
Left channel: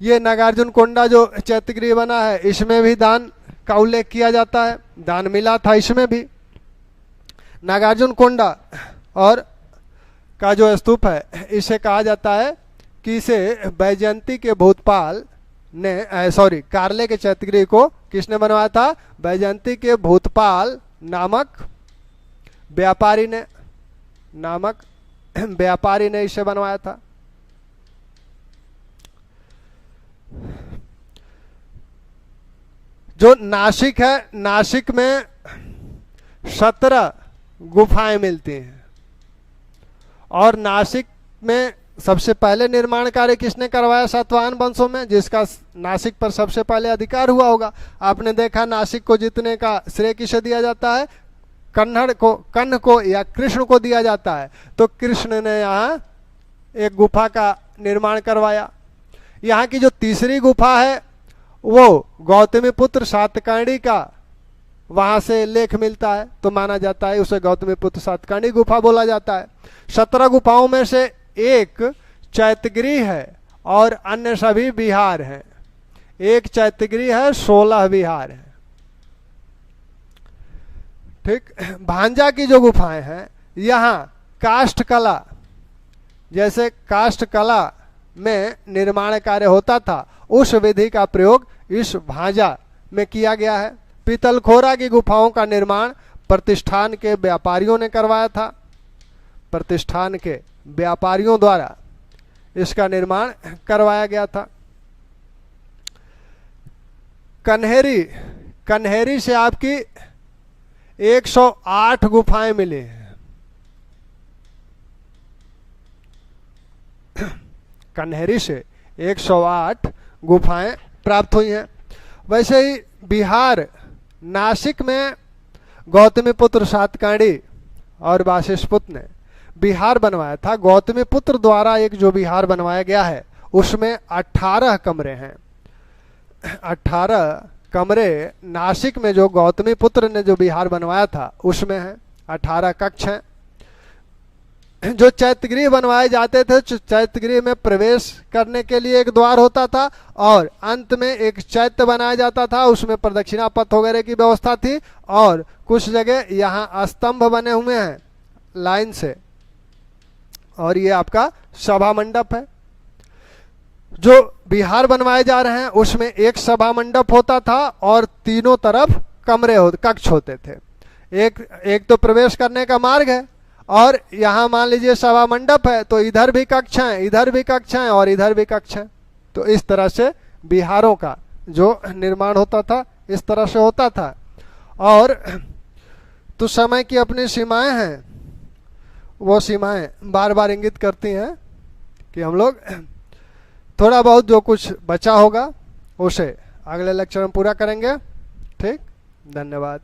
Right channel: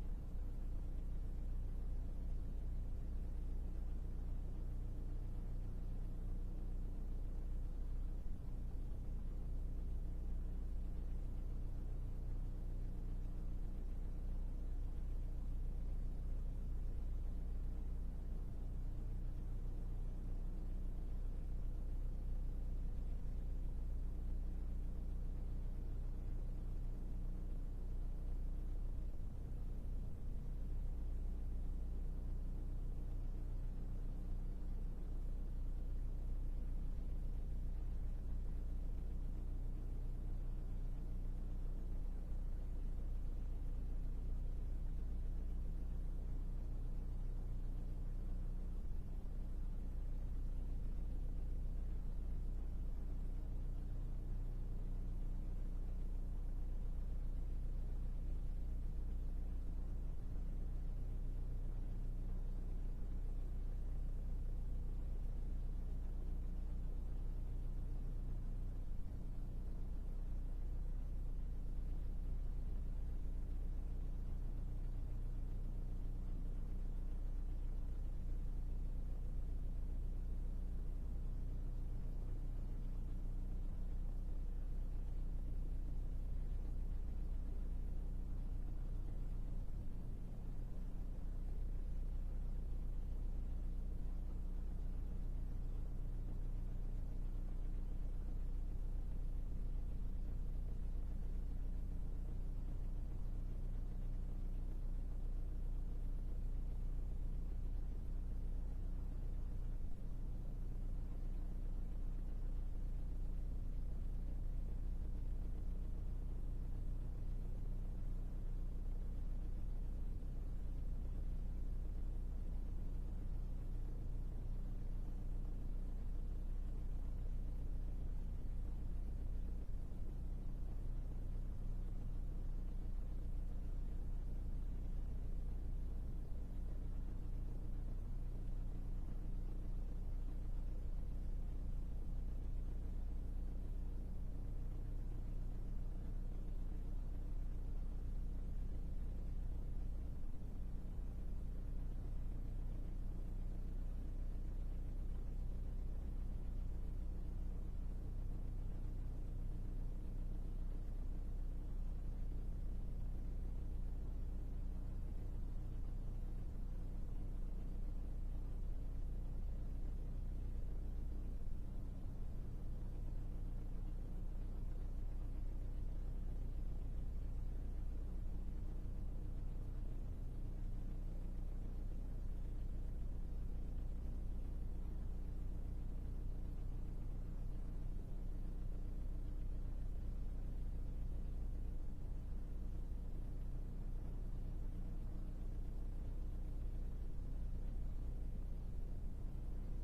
ये नागार्जुन कोंडा जो चैत्यगृह बना है इसमें भी दान का उल्लेख किया जाता है, दान मिला था इसमें भी। नागार्जुन कोंडा और का जो स्तूप है इसे कहा जाता है कि इसे बैजयंती के भूतपाल ने कारले के चैत्यगृह को किसने बनवाया था? बैजयंती के भूतपाल नामक व्यापारी ने इसे बनवाया था। जो नासिक है, नासिक में 17 गुफाएं मिलती हैं और नासिक में सबसे पहले निर्माण कार्य किसने करवाया सातवाहन वंशों में, जिसका नासिक पर सबसे पहले अधिकार हुआ होगा। आपने देखा नासिक को जीतने का श्रेय किसे दिया जाता है? कर्ण को या कृष्ण को दिया जाता है। तो कृष्ण ने यहाँ एक गुफा का निर्माण करवाया। यहाँ की जो तीसरी गुफा है वो गौतमी पुत्र सातकर्णी का वहां से लेख मिलता है, तो माना जाता है उसे गौतमी पुत्र सातकर्णी गुफा बोला जाता है। 17 गुफाओं में से एक चैत्यगृह है और अन्य सभी विहार हैं। एक चैत्यगृह है, 16 विहार हैं। ठीक। भांजा की जो गुफाएं हैं, यहाँ काष्ठ कला, जैसे काष्ठ कला में निर्माण कार्य होता था उस विधि का प्रयोग इस भांजा में किया गया है। पीतलखोरा की गुफाओं का निर्माण प्रतिष्ठान के व्यापारियों ने करवाया था। प्रतिष्ठान के व्यापारियों द्वारा इसका निर्माण करवाया गया था। कन्हेरी, कन्हेरी से आपकी 108 गुफाएं मिली हैं। कन्हेरी से 108 गुफाएं प्राप्त हुई हैं। वैसे ही बिहार, नासिक में गौतमीपुत्र सातकांडी और वाशिष्ठपुत्र ने बिहार बनवाया था। गौतमीपुत्र द्वारा एक जो बिहार बनवाया गया है उसमें 18 कमरे हैं। 18 कमरे नासिक में जो गौतमीपुत्र ने जो बिहार बनवाया था उसमें है। 18 कक्ष हैं। जो चैत्यगृह बनवाए जाते थे, चैत्यगृह में प्रवेश करने के लिए एक द्वार होता था और अंत में एक चैत्य बनाया जाता था, उसमें प्रदक्षिणा पथ वगैरह की व्यवस्था थी और कुछ जगह यहाँ स्तंभ बने हुए हैं लाइन से, और ये आपका सभा मंडप है। जो बिहार बनवाए जा रहे हैं उसमें एक सभा मंडप होता था और तीनों तरफ कक्ष होते थे। एक तो प्रवेश करने का मार्ग है और यहाँ मान लीजिए सभा मंडप है तो इधर भी कक्ष हैं, इधर भी कक्ष हैं और इधर भी कक्ष हैं। तो इस तरह से बिहारों का जो निर्माण होता था इस तरह से होता था। और तो समय की अपनी सीमाएं हैं, वो सीमाएं बार बार इंगित करती हैं कि हम लोग थोड़ा बहुत जो कुछ बचा होगा उसे अगले लेक्चर में पूरा करेंगे। ठीक, धन्यवाद।